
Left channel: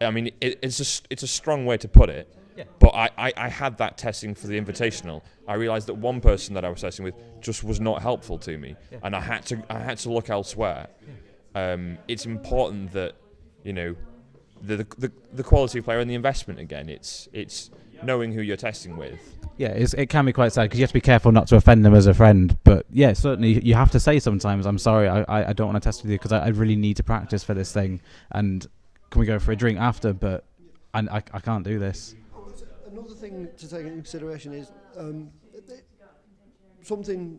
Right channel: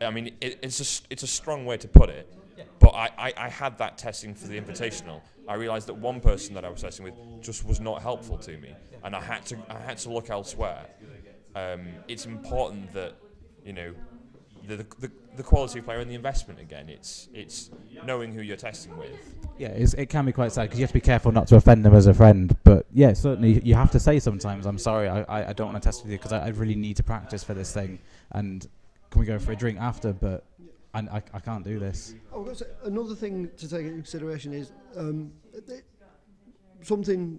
I mean, it's a strong way to put it, but I had that testing for the Invitational. I realised that one person that I was testing with just was not helpful to me, and I had to look elsewhere. It's important that, the quality of player and the investment again. It's knowing who you're testing with. Yeah, it can be quite sad, because you have to be careful not to offend them as a friend. But yeah, certainly you have to say sometimes, I'm sorry, I don't want to test with you because I really need to practice for this thing, and can we go for a drink after? But I can't do this. Another thing to take into consideration is something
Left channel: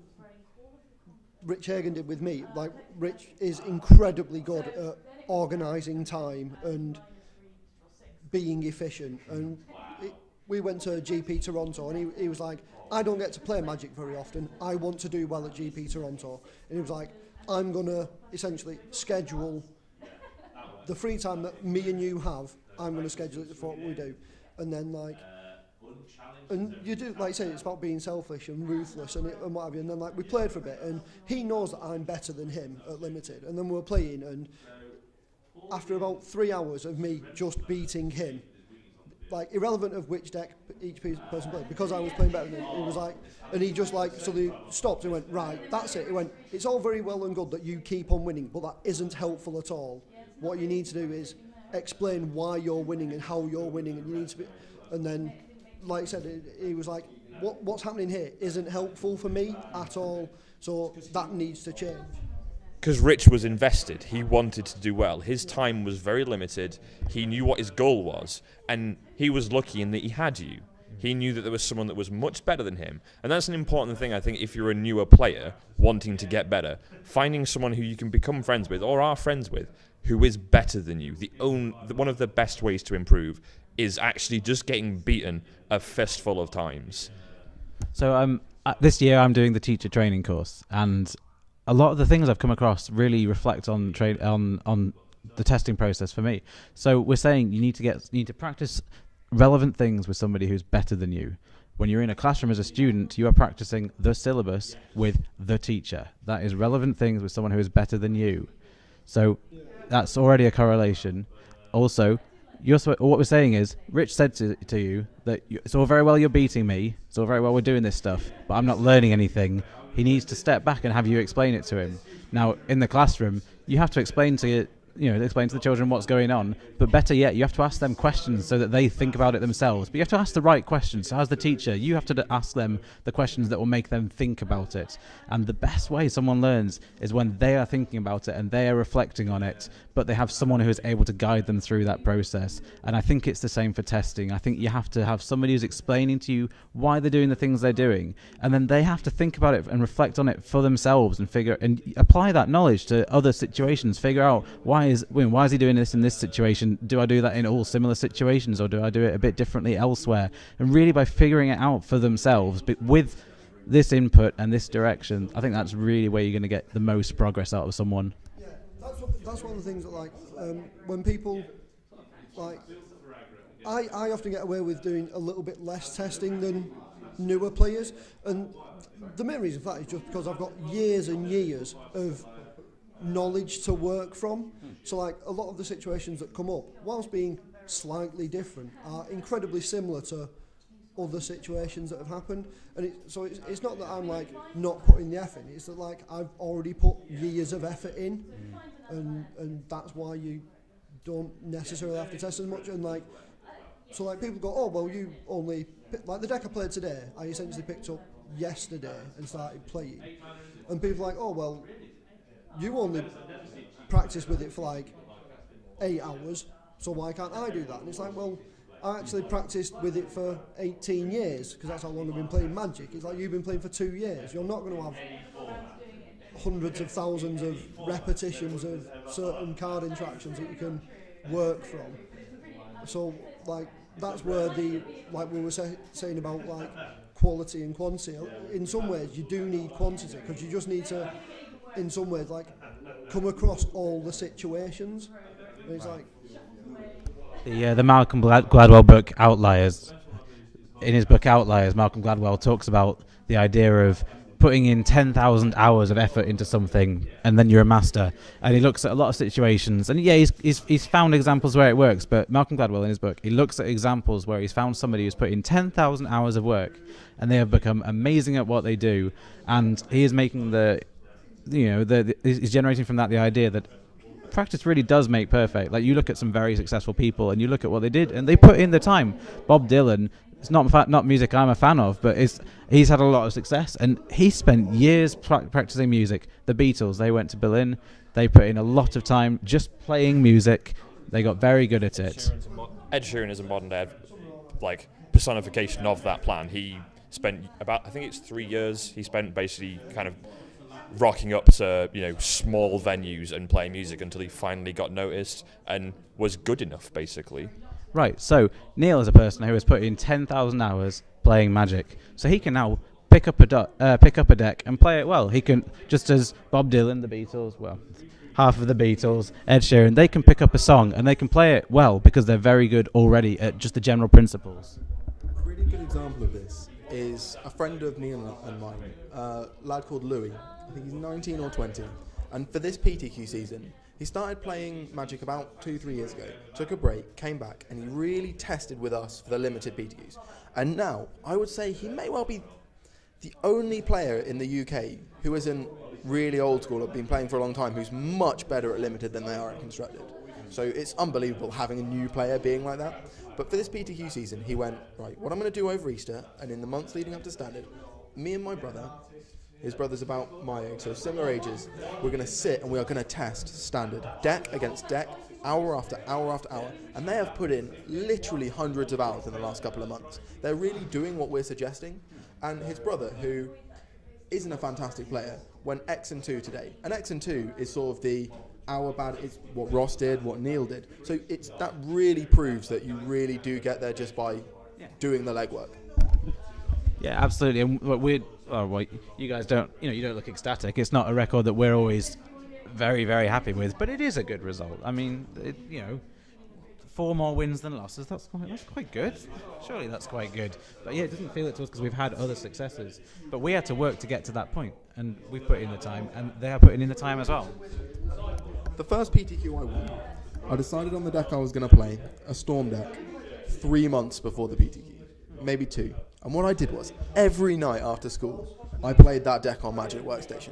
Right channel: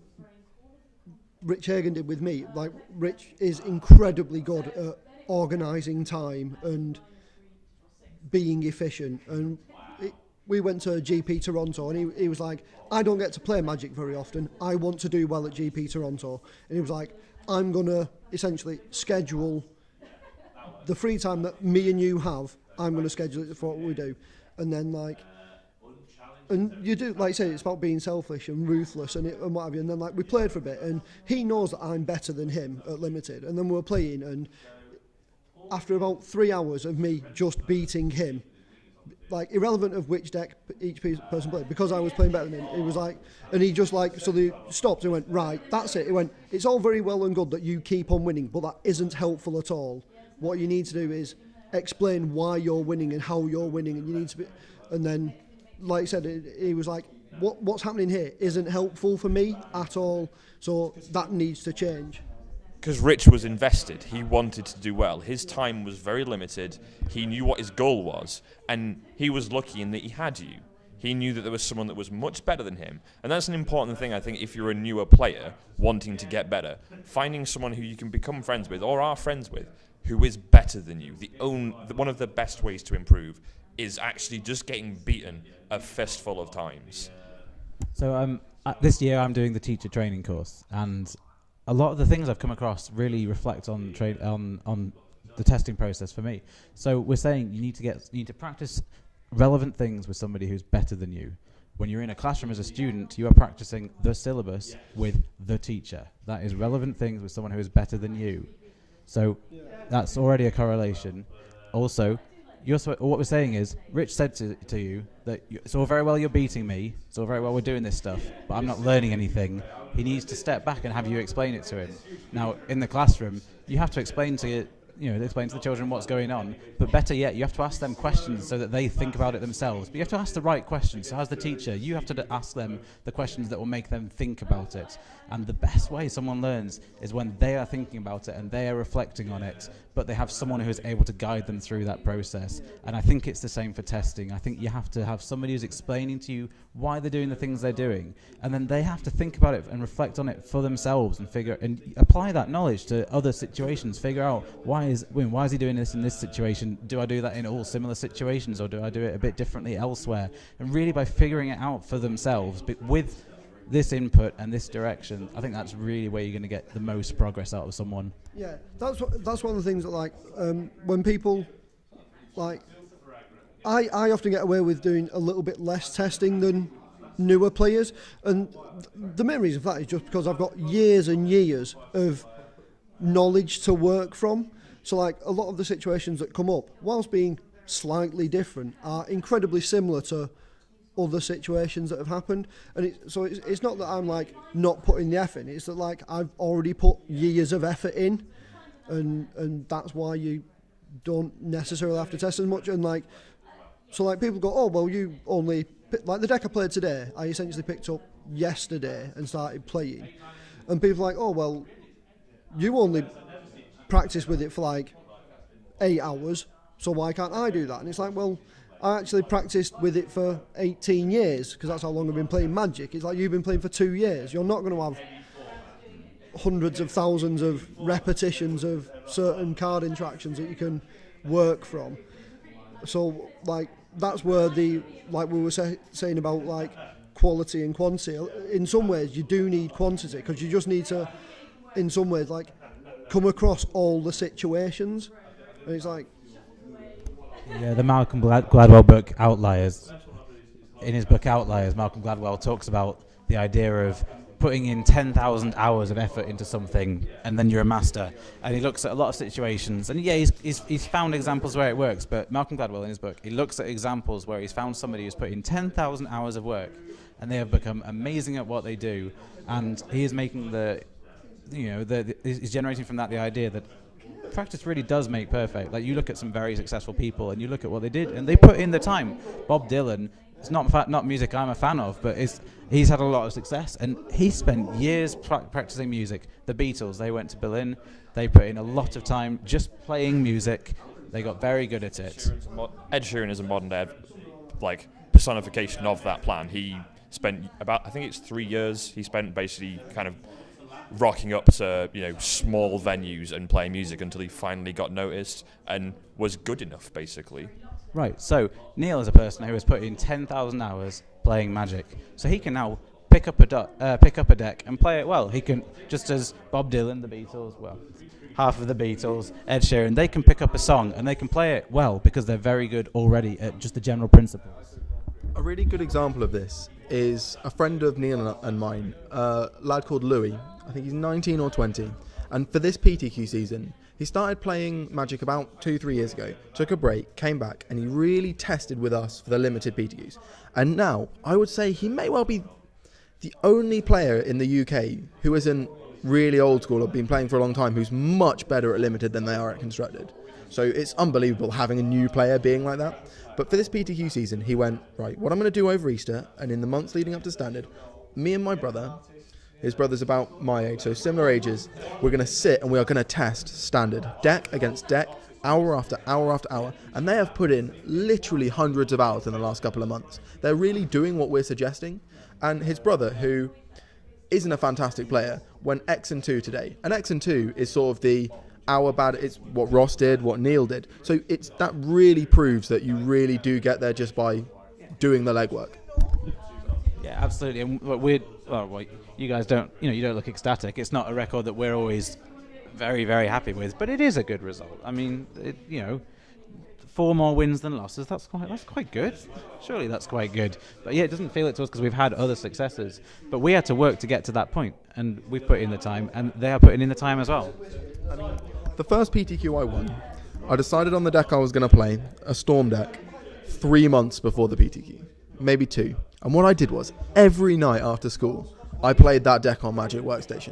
Rich Hagen did with me. Like, Rich is incredibly good at organising time and being efficient. And we went to GP Toronto, and he was like, I don't get to play Magic very often. I want to do well at GP Toronto. And he was like, I'm going to essentially schedule the free time that me and you have. I'm going to schedule it for what we do. And then, like, and you do, like I say, it's about being selfish and ruthless and what have you. And then, like, we played for a bit, and he knows that I'm better than him at Limited. And then we were playing, and after about 3 hours of me just beating him, like, irrelevant of which deck each person played, because I was playing better than him, he was like, and he just, like, so they stopped and went, right, that's it. He went, it's all very well and good that you keep on winning, but that isn't helpful at all. What you need to do is explain why you're winning and how you're winning, and you need to be, and then, like I said, he was like, what's happening here isn't helpful for me at all, so that needs to change. Because Rich was invested. He wanted to do well. His time was very limited. He knew what his goal was, and he was lucky in that he had you. He knew that there was someone that was much better than him, and that's an important thing, I think, if you're a newer player wanting to get better. Finding someone who you can become friends with or are friends with who is better than you. One of the best ways to improve is actually just getting beaten a fistful of times. So this year I'm doing the teacher training course, and a lot of the things I've come across really reflect on the testing process for me. So we're saying you need to practice relevant things with somebody who's better than you. When you're in a classroom as a student, you are practicing the syllabus with the teacher. That is relevant things with someone who is better than you. So that's already a correlation. Also, what we're saying is, Rich said to you that it's all very well you're beating me, it's all very well we're doing this stuff, but I'm not learning anything. He needs to step back and have you explain it to him. Now, in the classroom, you have to explain to the children what's going on, but better yet, you have to ask them questions so that they think about it themselves. But you have to ask the right questions. So as the teacher, you have to ask them the questions that will make them think about it. And the best way someone learns is when they are thinking about it and they are reflecting on it, but they have someone who is able to guide them through that process. And I think it's the same for testing. I think you have to have somebody who's explaining to you why they're doing the things they're doing, and then they have to think about it and reflect on it for themselves and apply that knowledge to other situations. Figure out why is he doing this in this situation? Do I do that in all similar situations, or do I do it a bit differently elsewhere? And really, by figuring it out for themselves, but with this input and this direction, I think that's really where you're going to get the most progress out of someone. Yeah, that's one of the things that, like, when people, like, I often get away with doing a little bit less testing than newer players, and the main reason for that is just because I've got years and years of knowledge to work from. So, like, a lot of the situations that come up, whilst being slightly different, are incredibly similar to other situations that have happened. And it's not that I'm, like, not putting the effort in, it's that, like, I've already put years of effort in, and that's why you don't necessarily have to test as much. And, like, so, like, people go, oh, well, you only like the deck I played today, I essentially picked up yesterday and started playing, and people are like, oh, well, you only practice with it for like 8 hours, so why can't I do that? And it's like, well, I actually practiced with it for 18 years, because that's how long I've been playing Magic. It's like, you've been playing for 2 years. You're not going to have hundreds of thousands of repetitions of certain card interactions that you can work from. So, like, that's where like we were saying about, like, quality and quantity. In some ways, you do need quantity, because you just need to, in some ways, like, come across all the situations. And it's like, the Malcolm Gladwell book Outliers. In his book Outliers, Malcolm Gladwell talks about the idea of putting in 10,000 hours of effort into something, and then you're a master. And he looks at a lot of situations, and he's found examples where it works. But Malcolm Gladwell, in his book, he looks at examples where he's found somebody who's put in 10,000 hours of work, and they have become amazing at what they do. And he is making he's generating from that the idea that practice really does make perfect. Like, you look at some very successful people, and you look at what they did, and they put in the time. Bob Dylan, it's not music I'm a fan of, but he's had a lot of success, and he spent years practicing music. The Beatles, they went to Berlin, they put in a lot of time just playing music. They got very good at it. Ed Sheeran is a modern day, like, personification of that plan. He spent about, I think it's 3 years, he spent basically kind of rocking up to small venues and playing music until he finally got noticed and was good enough, basically. Right, so Neil is a person who has put in 10,000 hours playing Magic, so he can now pick up a deck and play it well. He can, just as Bob Dylan, the Beatles, well, half of the Beatles, Ed Sheeran, they can pick up a song and they can play it well because they're very good already at just the general principles. A really good example of this is a friend of Neil and mine, a lad called Louis. I think he's 19 or 20, and for this PTQ season, he started playing Magic about 2-3 years ago, took a break, came back, and he really tested with us for the limited PTQs. And now, I would say he may well be the only player in the UK who isn't really old school or been playing for a long time who's much better at limited than they are at constructed. So it's unbelievable having a new player being like that. But for this PTQ season, he went, right, what I'm going to do over Easter and in the months leading up to standard, me and my brother, his brother's about my age, so similar ages, we're going to sit and we are going to test standard, deck against deck, hour after hour after hour, and they have put in literally hundreds of hours in the last couple of months. They're really doing what we're suggesting, and his brother, who isn't a fantastic player, went X and 2 today, and X and 2 is sort of the hour bad, it's what Ross did, what Neil did, so that really proves that you really do get there just by doing the legwork. Yeah, absolutely. And you guys don't, you don't look ecstatic. It's not a record that we're always very, very happy with, but it is a good result. I mean, 4 more wins than losses. That's quite good. Surely that's quite good. But yeah, it doesn't feel it to us because we've had other successes. But we had to work to get to that point, and we've put in the time, and they are putting in the time as well. The first PTQ I won, I decided on the deck I was going to play, a Storm deck, 3 months before the PTQ, maybe 2. And what I did was, every night after school, I played that deck on Magic Workstation.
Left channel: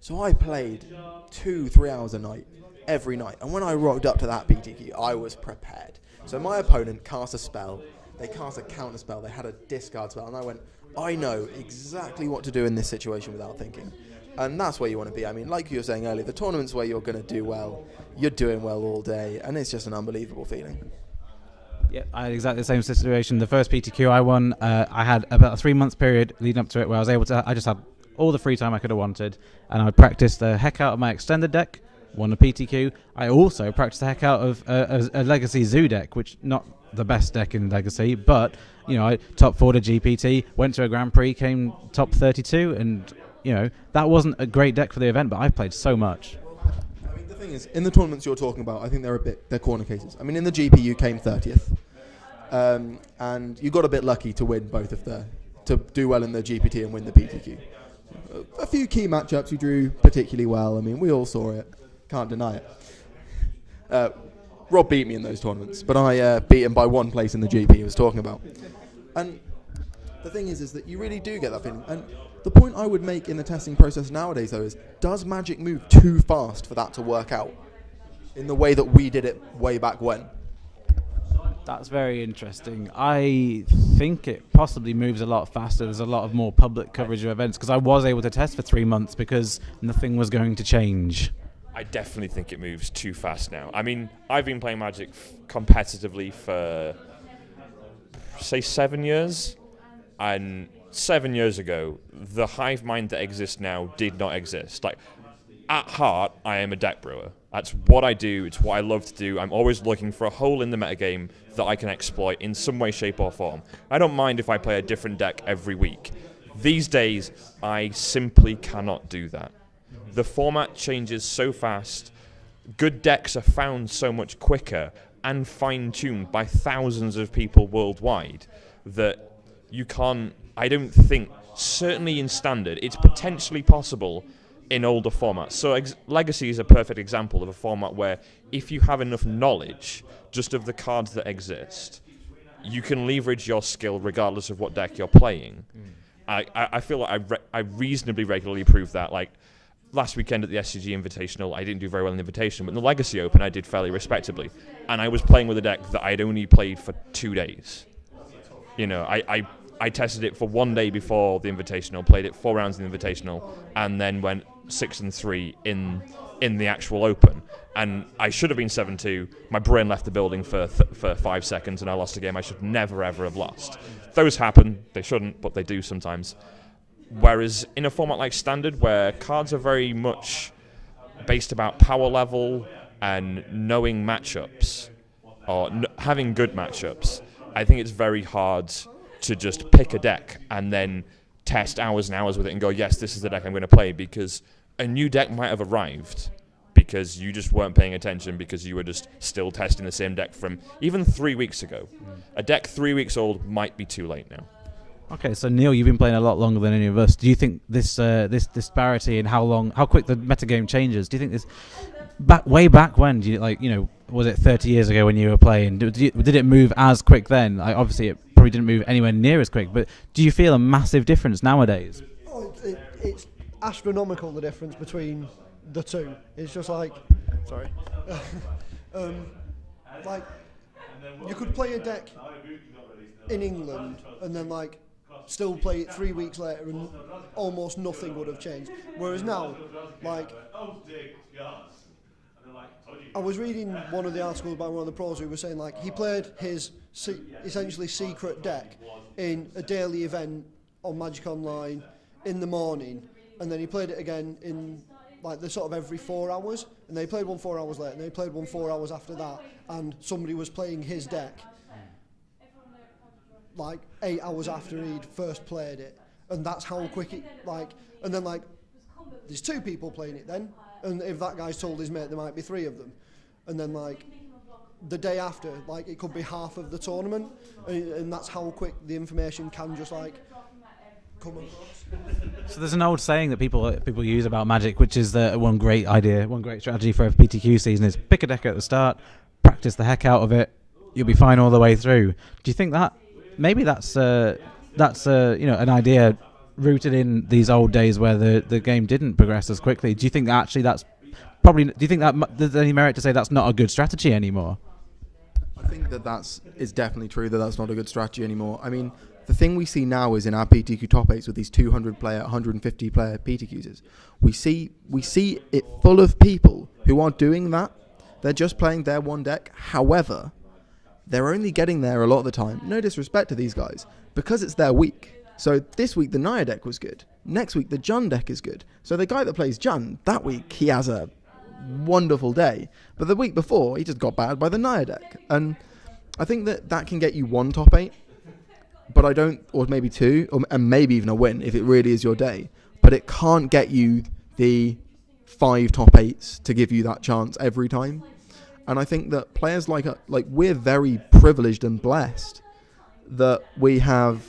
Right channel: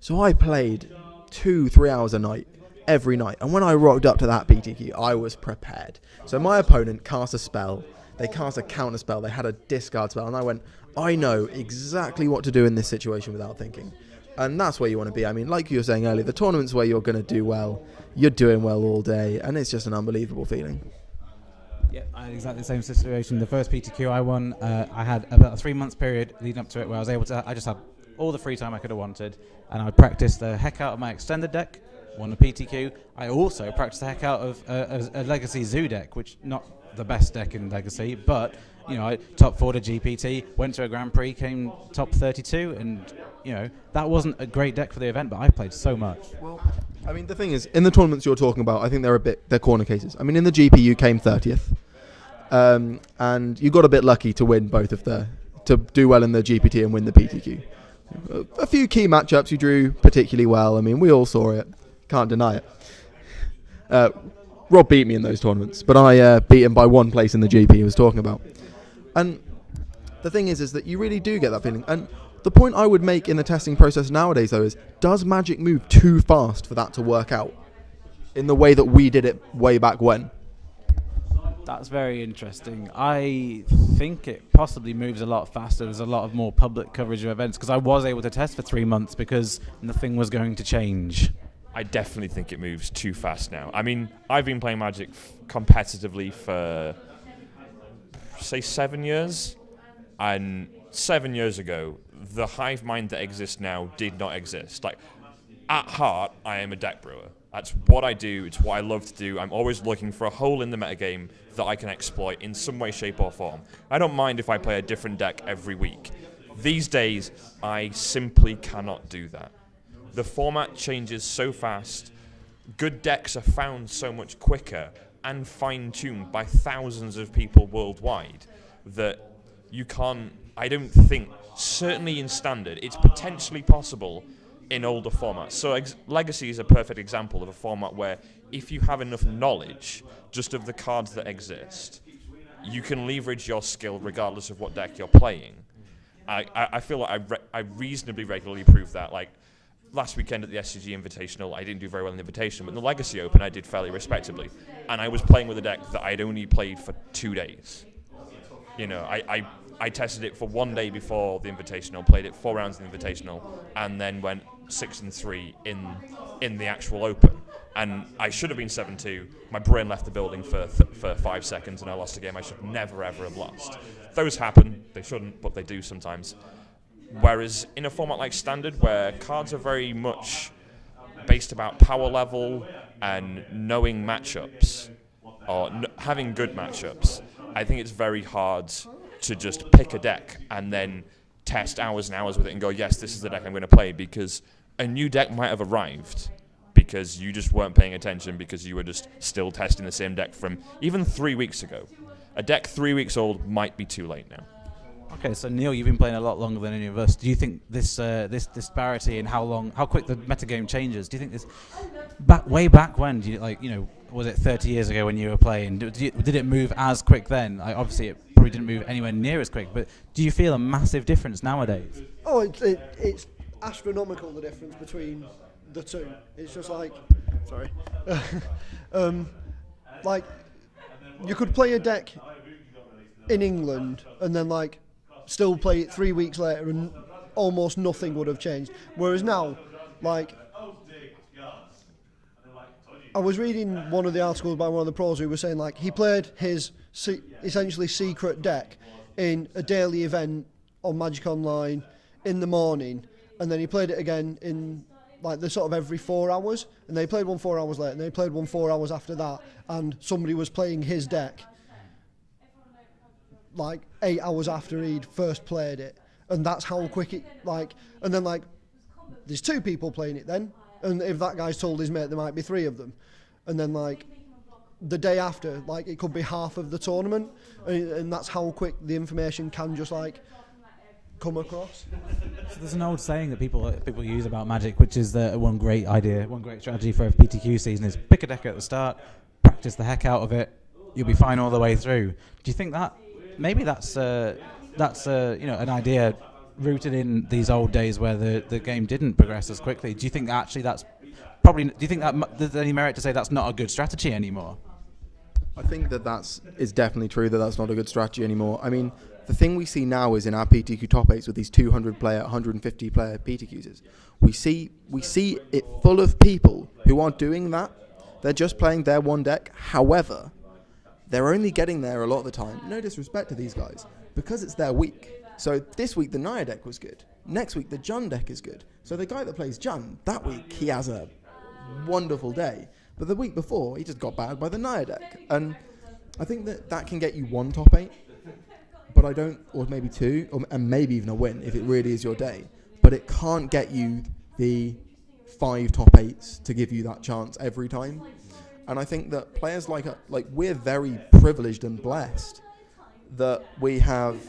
So I played 2-3 hours a night, every night. And when I rocked up to that PTQ, I was prepared. So my opponent cast a spell, they cast a counter spell, they had a discard spell, and I went, I know exactly what to do in this situation without thinking. And that's where you want to be. I mean, like you were saying earlier, the tournaments where you're going to do well, you're doing well all day, and it's just an unbelievable feeling. Yeah, I had exactly the same situation. The first PTQ I won, I had about a 3 month period leading up to it where I just had all the free time I could have wanted, and I practiced the heck out of my extended deck, won a PTQ. I also practiced the heck out of a Legacy Zoo deck, which not the best deck in Legacy, but I top 4 to GPT, went to a Grand Prix, came top 32, and that wasn't a great deck for the event, but I played so much. I mean, the thing is, in the tournaments you're talking about, I think they're corner cases. I mean, in the GP you came 30th, and you got a bit lucky to win to do well in the GPT and win the PTQ. A few key matchups you drew particularly well. I mean, we all saw it, can't deny it. Rob beat me in those tournaments, but I beat him by 1 place in the GP he was talking about. And the thing is that you really do get that feeling. And the point I would make in the testing process nowadays, though, is does Magic move too fast for that to work out in the way that we did it way back when? That's very interesting. I think it possibly moves a lot faster. There's a lot of more public coverage of events because I was able to test for 3 months because nothing was going to change. I definitely think it moves too fast now. I mean, I've been playing Magic competitively for, say, 7 years, and 7 years ago, the hive mind that exists now did not exist. Like, at heart, I am a deck brewer. That's what I do. It's what I love to do. I'm always looking for a hole in the metagame that I can exploit in some way, shape, or form. I don't mind if I play a different deck every week. These days, I simply cannot do that. The format changes so fast. Good decks are found so much quicker and fine-tuned by thousands of people worldwide that you can't, I don't think, certainly in Standard, it's potentially possible in older formats. So Legacy is a perfect example of a format where if you have enough knowledge just of the cards that exist, you can leverage your skill regardless of what deck you're playing. I feel like I reasonably regularly prove that. Like last weekend at the SCG Invitational, I didn't do very well in the Invitational, but in the Legacy Open I did fairly respectably. And I was playing with a deck that I'd only played for 2 days. I tested it for 1 day before the Invitational, played it 4 rounds in the Invitational, and then went 6-3 in the actual Open. And I should have been 7-2. My brain left the building for 5 seconds, and I lost a game I should never, ever have lost. Those happen. They shouldn't, but they do sometimes. Whereas in a format like Standard, where cards are very much based about power level and knowing matchups, or having good matchups, I think it's very hard to just pick a deck and then test hours and hours with it and go, yes, this is the deck I'm going to play, because a new deck might have arrived because you just weren't paying attention, because you were just still testing the same deck from even 3 weeks ago. A deck 3 weeks old might be too late now. Okay, so Neil, you've been playing a lot longer than any of us. Do you think this this disparity in how quick the metagame changes? Do you think this way back when? Do you was it 30 years ago when you were playing? Did it move as quick then? Obviously, it probably didn't move anywhere near as quick. But do you feel a massive difference nowadays? Oh, it's astronomical, the difference between the two. It's just like, sorry, like you could play a deck in England and then still play it 3 weeks later and almost nothing would have changed. Whereas now, I was reading one of the articles by one of the pros who was saying he played his essentially secret deck in a daily event on Magic Online in the morning, and then he played it again in the sort of every 4 hours, and they played one 4 hours later, and they played one 4 hours after that, and somebody was playing his deck 8 hours after he'd first played it, and that's how quick it and then there's 2 people playing it then, and if that guy's told his mate there might be 3 of them, and then the day after it could be half of the tournament, and that's how quick the information can just come across. So there's an old saying that people use about Magic, which is that one great strategy for a PTQ season is pick a deck at the start, practice the heck out of it, you'll be fine all the way through. Do you think that maybe that's an idea rooted in these old days where the game didn't progress as quickly? Do you think that there's any merit to say that's not a good strategy anymore? I think that is definitely true, that's not a good strategy anymore. I mean, the thing we see now is in our PTQ top 8s with these 200 player, 150 player PTQs, we see it full of people who are doing that. They're just playing their one deck. However, they're only getting there a lot of the time, no disrespect to these guys, because it's their week. So this week the Naya deck was good. Next week the Jun deck is good. So the guy that plays Jun, that week he has a wonderful day. But the week before he just got battered by the Naya deck. And I think that can get you one top 8. But I don't, or maybe 2, and maybe even a win if it really is your day. But it can't get you the 5 top 8s to give you that chance every time. And I think that players we're very privileged and blessed that we have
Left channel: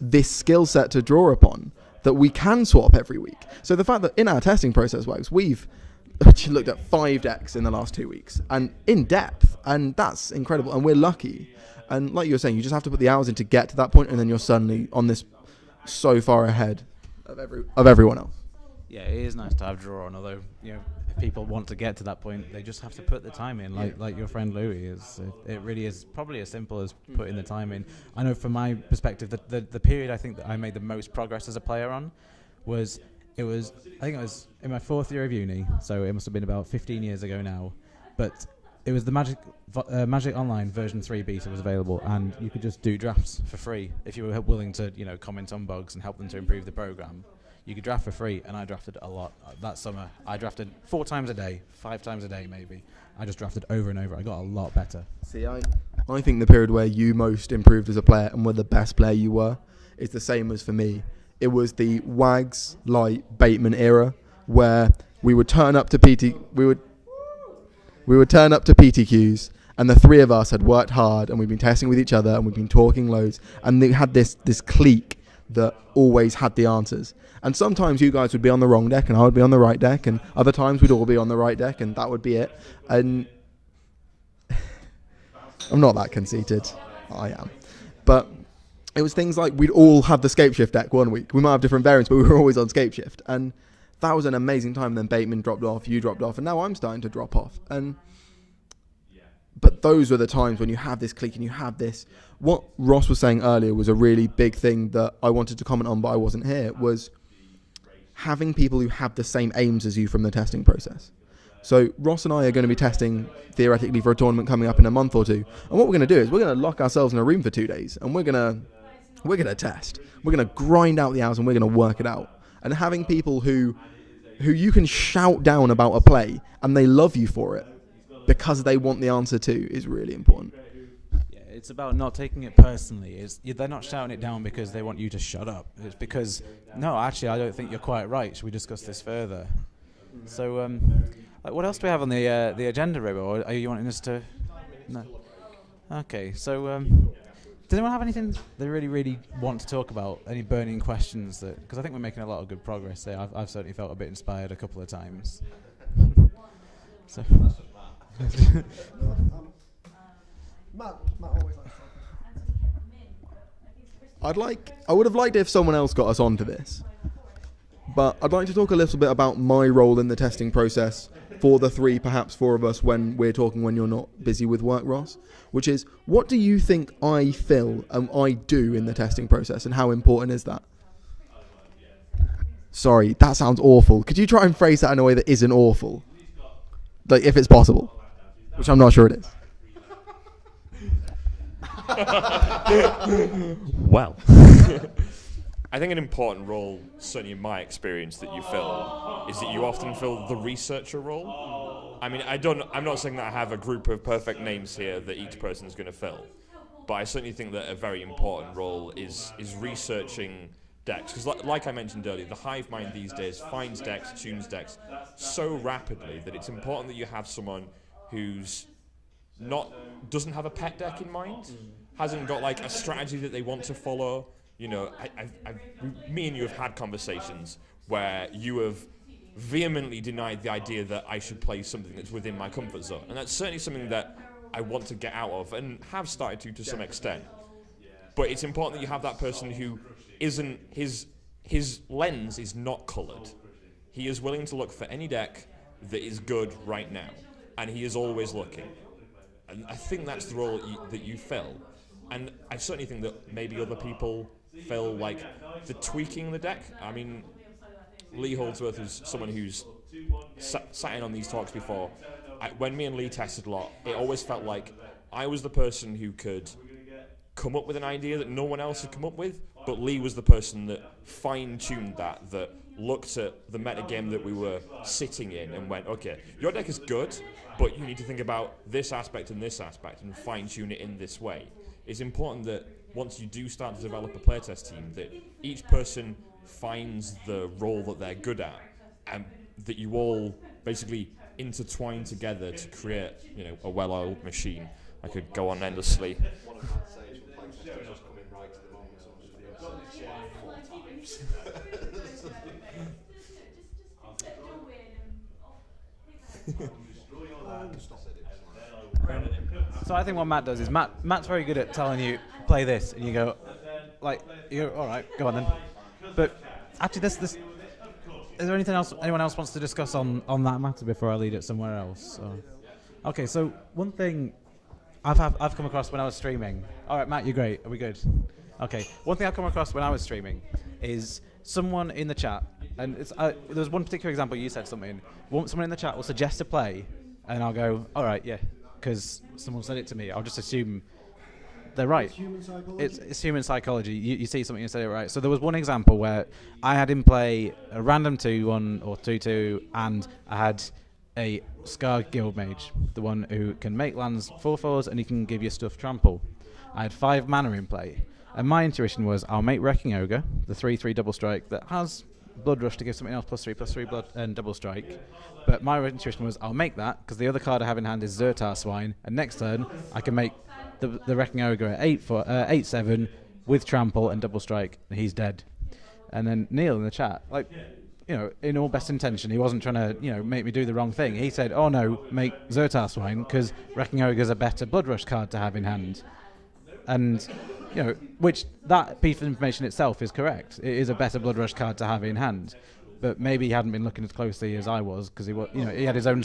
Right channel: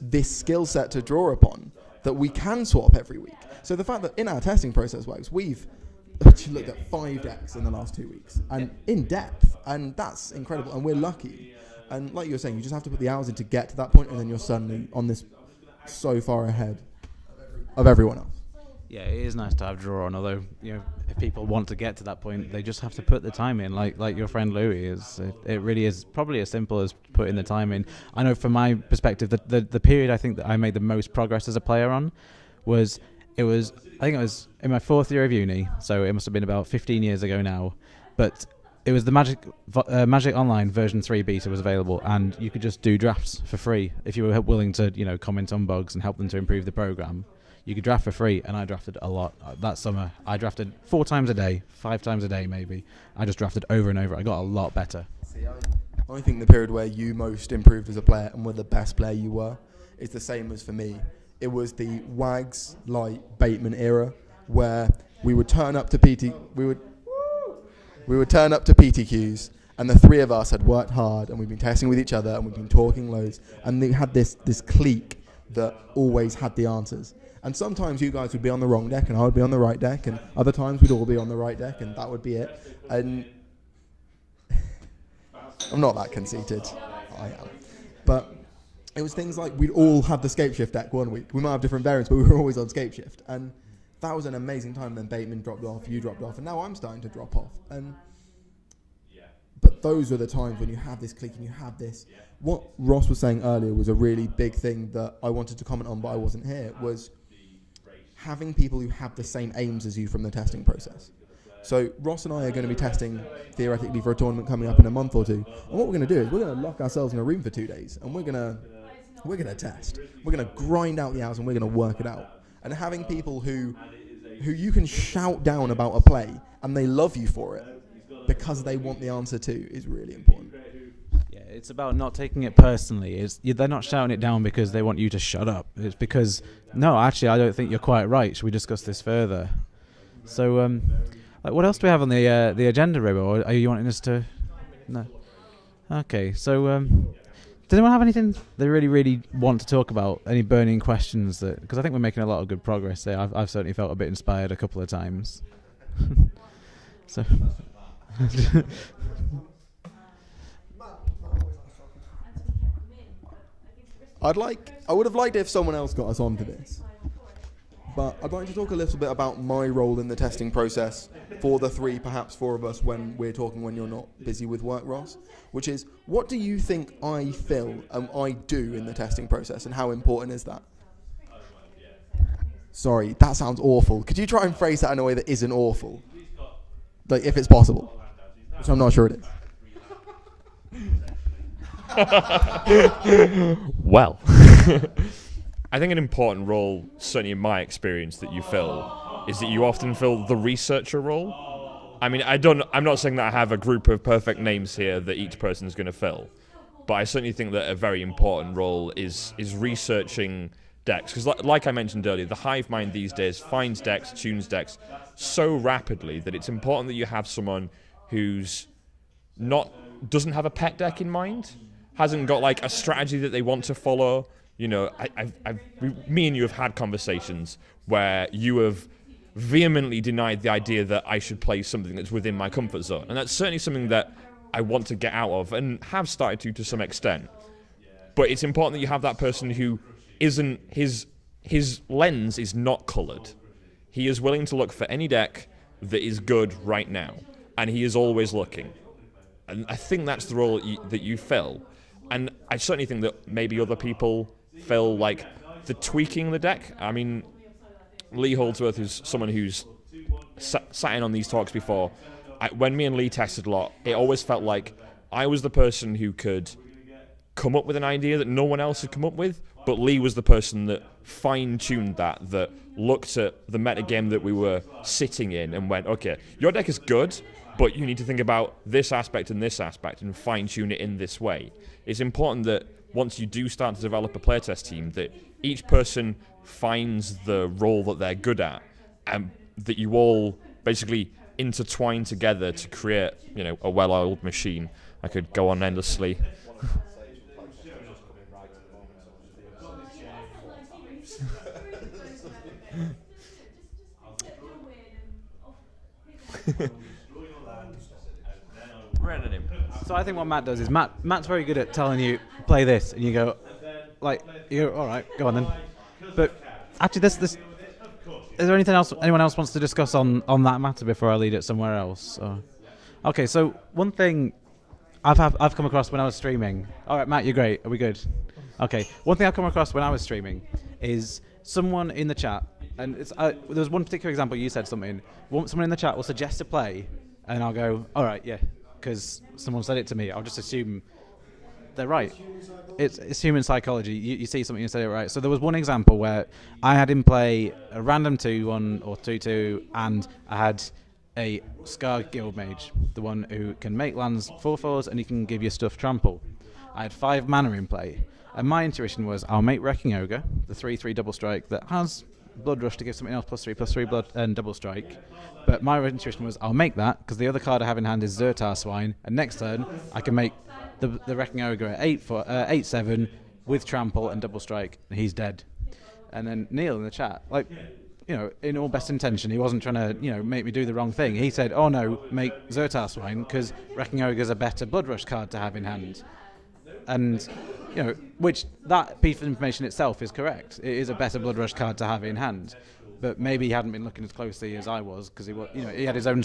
this skill set to draw upon, that we can swap every week. So the fact that in our testing process works, we've looked at 5 decks in the last 2 weeks, and in depth, and that's incredible, and we're lucky. And like you were saying, you just have to put the hours in to get to that point, and then you're suddenly on this so far ahead of everyone else. Yeah, it is nice to have draw on, although, if people want to get to that point, they just have to put the time in, like your friend Louis is. It really is probably as simple as putting the time in. I know from my perspective, the period I think that I made the most progress as a player on was I think it was in my 4th year of uni, so it must have been about 15 years ago now, but it was the Magic Online version 3 beta was available, and you could just do drafts for free if you were willing to, comment on bugs and help them to improve the program. You could draft for free, and I drafted a lot. That summer, I drafted 4 times a day, 5 times a day maybe. I just drafted over and over. I got a lot better. See, I think the period where you most improved as a player and were the best player you were is the same as for me. It was the Wags, Light, Bateman era, where we would turn up to PTQs, and the 3 of us had worked hard, and we'd been testing with each other, and we'd been talking loads, and they had this clique that always had the answers. And sometimes you guys would be on the wrong deck, and I would be on the right deck, and other times we'd all be on the right deck, and that would be it. And I'm not that conceited. I am. But it was things like we'd all have the Scapeshift deck one week. We might have different variants, but we were always on Scapeshift. And that was an amazing time. Then Bateman dropped off, you dropped off, and now I'm starting to drop off. But those were the times when you have this clique and you have this. What Ross was saying earlier was a really big thing that I wanted to comment on, but I wasn't here, was having people who have the same aims as you from the testing process. So Ross and I are going to be testing, theoretically, for a tournament coming up in a month or 2. And what we're going to do is we're going to lock ourselves in a room for 2 days, and we're going to we're going to test. We're going to grind out the hours and we're going to work it out. And having people who you can shout down about a play and they love you for it because they want the answer too is really important. Yeah, it's about not taking it personally. They're not shouting it down because they want you to shut up. It's because, no, actually, I don't think you're quite right. Should we discuss this further? So, what else do we have on the agenda, Robo? Or are you wanting us to? No. Okay, so does anyone have anything they really, really want to talk about? Any burning questions? Because I think we're making a lot of good progress there. I've certainly felt a bit inspired a couple of times. So. I would have liked if someone else got us onto this, but I'd like to talk a little bit about my role in the testing process for the three, perhaps four of us when we're talking when you're not busy with work, Ross, which is, what do you think I fill and I do in the testing process, and how important is that? Sorry, that sounds awful. Could you try and phrase that in a way that isn't awful? Like, if it's possible, which I'm not sure it is. Well, I think an important role, certainly in my experience, that you fill is that you often fill the researcher role. I mean, I'm not saying that I have a group of perfect names here that each person is going to fill, but I certainly think that a very important role is researching decks. Because like I mentioned earlier, the hive mind these days finds decks, tunes decks so rapidly that it's important that you have someone who's doesn't have a pet deck in mind, hasn't got like a strategy that they want to follow. You know, me and you have had conversations where you have vehemently denied the idea that I should play something that's within my comfort zone. And that's certainly something that I want to get out of and have started to some extent. But it's important that you have that person who isn't, his lens is not coloured. He is willing to look for any deck that is good right now. And he is always looking. And I think that's the role that you fill. And I certainly think that maybe other people fill like the tweaking the deck. I mean, Lee Holdsworth is someone who's sat in on these talks before. When me and Lee tested a lot, it always felt like I was the person who could come up with an idea that no one else had come up with, but Lee was the person that fine-tuned that looked at the metagame that we were sitting in and went, okay, your deck is good, but you need to think about this aspect and fine-tune it in this way. It's important that once you do start to develop a playtest team, that each person finds the role that they're good at, and that you all basically intertwine together to create, a well-oiled machine. I could go on endlessly. So I think what Matt does is Matt's very good at telling you, play this, and you go, all right, go on then. But actually, is there anything else anyone else wants to discuss on that matter before I lead it somewhere else? Okay, so one thing I've come across when I was streaming. All right, Matt, you're great. Are we good? Okay, one thing I've come across when I was streaming is someone in the chat, and there was one particular example. You said something. Someone in the chat will suggest a play, and I'll go, all right, yeah, because someone said it to me. I'll just assume they're right. It's human psychology. You see something and say it right. So there was one example where I had him play a random 2-1 or 2-2, and I had a Scar Guild Mage, the one who can make lands 4/4s and he can give you stuff trample. I had 5 mana in play, and my intuition was I'll make Wrecking Ogre, the 3/3 double strike that has Blood Rush to give something else +3/+3 blood and double strike. But my intuition was I'll make that because the other card I have in hand is Zertar Swine, and next turn I can make the Wrecking Ogre at 8/7 with trample and double strike, and he's dead. And then Neil in the chat, in all best intention, he wasn't trying to, make me do the wrong thing. He said, oh no, make Zertar Swine because Wrecking Ogre's a better Blood Rush card to have in hand. And, which that piece of information itself is correct. It is a better Blood Rush card to have in hand. But maybe he hadn't been looking as closely as I was because he had his own.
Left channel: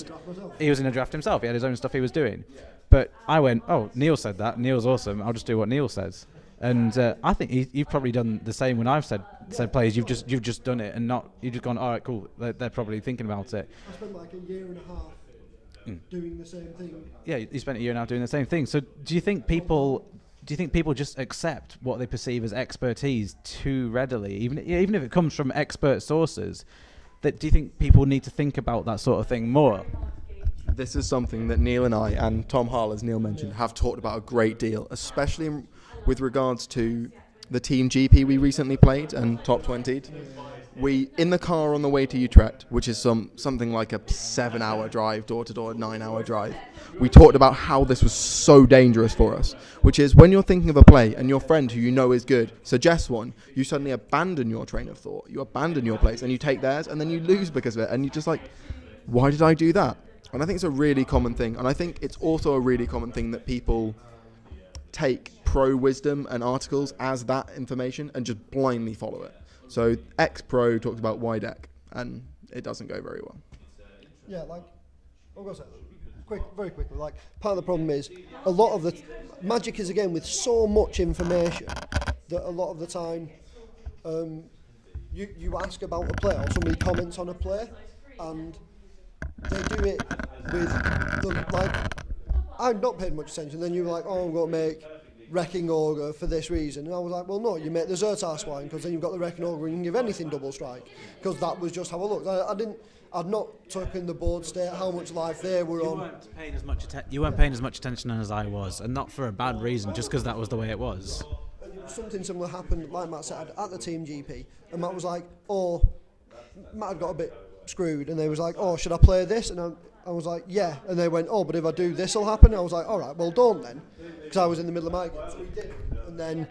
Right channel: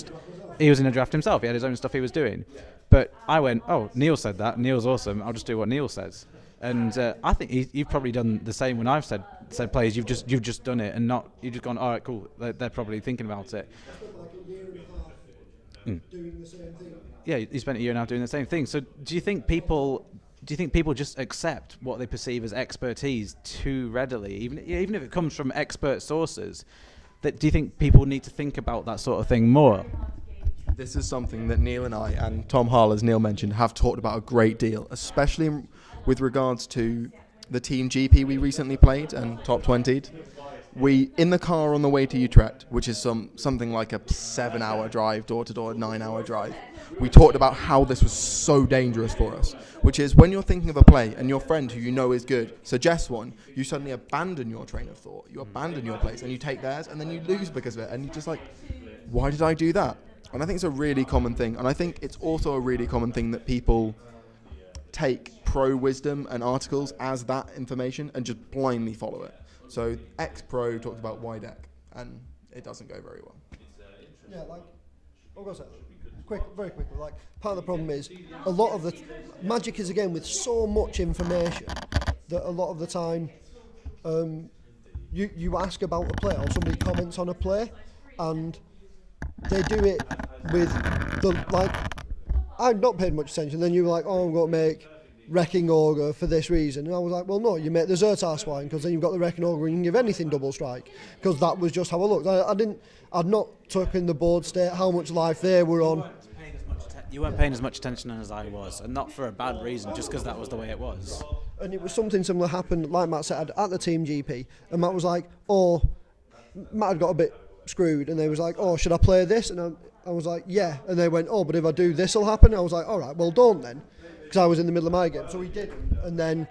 He was in a draft himself. He had his own stuff he was doing. But I went, oh, Neil said that. Neil's awesome. I'll just do what Neil says. And I think you've probably done the same when I've said plays. You've just done it and you've just gone, all right, cool. They're probably thinking about it. I spent like a year and a half doing the same thing. Yeah, you spent a year and a half doing the same thing. So do you think do you think people just accept what they perceive as expertise too readily, even if it comes from expert sources? Do you think people need to think about that sort of thing more? This is something that Neil and I, and Tom Hull, as Neil mentioned, have talked about a great deal, especially with regards to the Team GP we recently played and top 20'd. We, in the car on the way to Utrecht, which is something like a 7-hour drive, door-to-door, 9-hour drive, we talked about how this was so dangerous for us, which is when you're thinking of a play and your friend who you know is good suggests one, you suddenly abandon your train of thought, you abandon your place, and you take theirs, and then you lose because of it, and you're just like, why did I do that? And I think it's a really common thing, and I think it's also a really common thing that people take pro wisdom and articles as that information and just blindly follow it. So X-Pro talked about Y deck, and it doesn't go very well. Yeah, like, I'm going to say, very quickly, like, part of the problem is a lot of the Magic is, again, with so much information that a lot of the time you ask about a play or somebody comments on a play, and they do it with the, like, I've not paid much attention, then you were like, oh, I'm going to make Wrecking Ogre for this reason, and I was like, well, no, you make the Zertar Swine because then you've got the Wrecking Ogre and you can give anything double strike, because that was just how I looked. I'd not taken the board state, how much life they were on. You weren't paying as much attention as I was, and not for a bad reason, just because that was the way it was. And it was something similar happened, like Matt said, at the Team GP, and Matt was like, oh, Matt had got a bit screwed, and they was like, oh, should I play this? And I was like, yeah, and they went, oh, but if I do this will happen. I was like, all right, well, don't then, because I was in the middle of my game, so we did, and then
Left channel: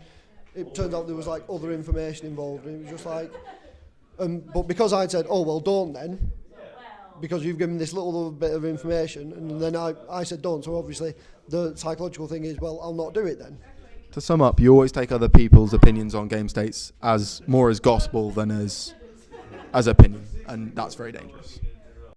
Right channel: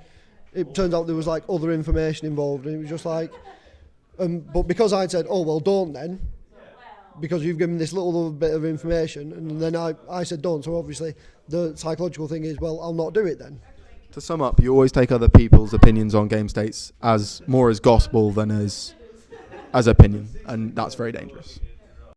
it turned out there was like other information involved, and it was just like, but because I'd said, oh, well, don't then, because you've given this little bit of information, and then I said don't, so obviously the psychological thing is, well, I'll not do it then. To sum up, you always take other people's opinions on game states as more as gospel than as opinion, and that's very dangerous.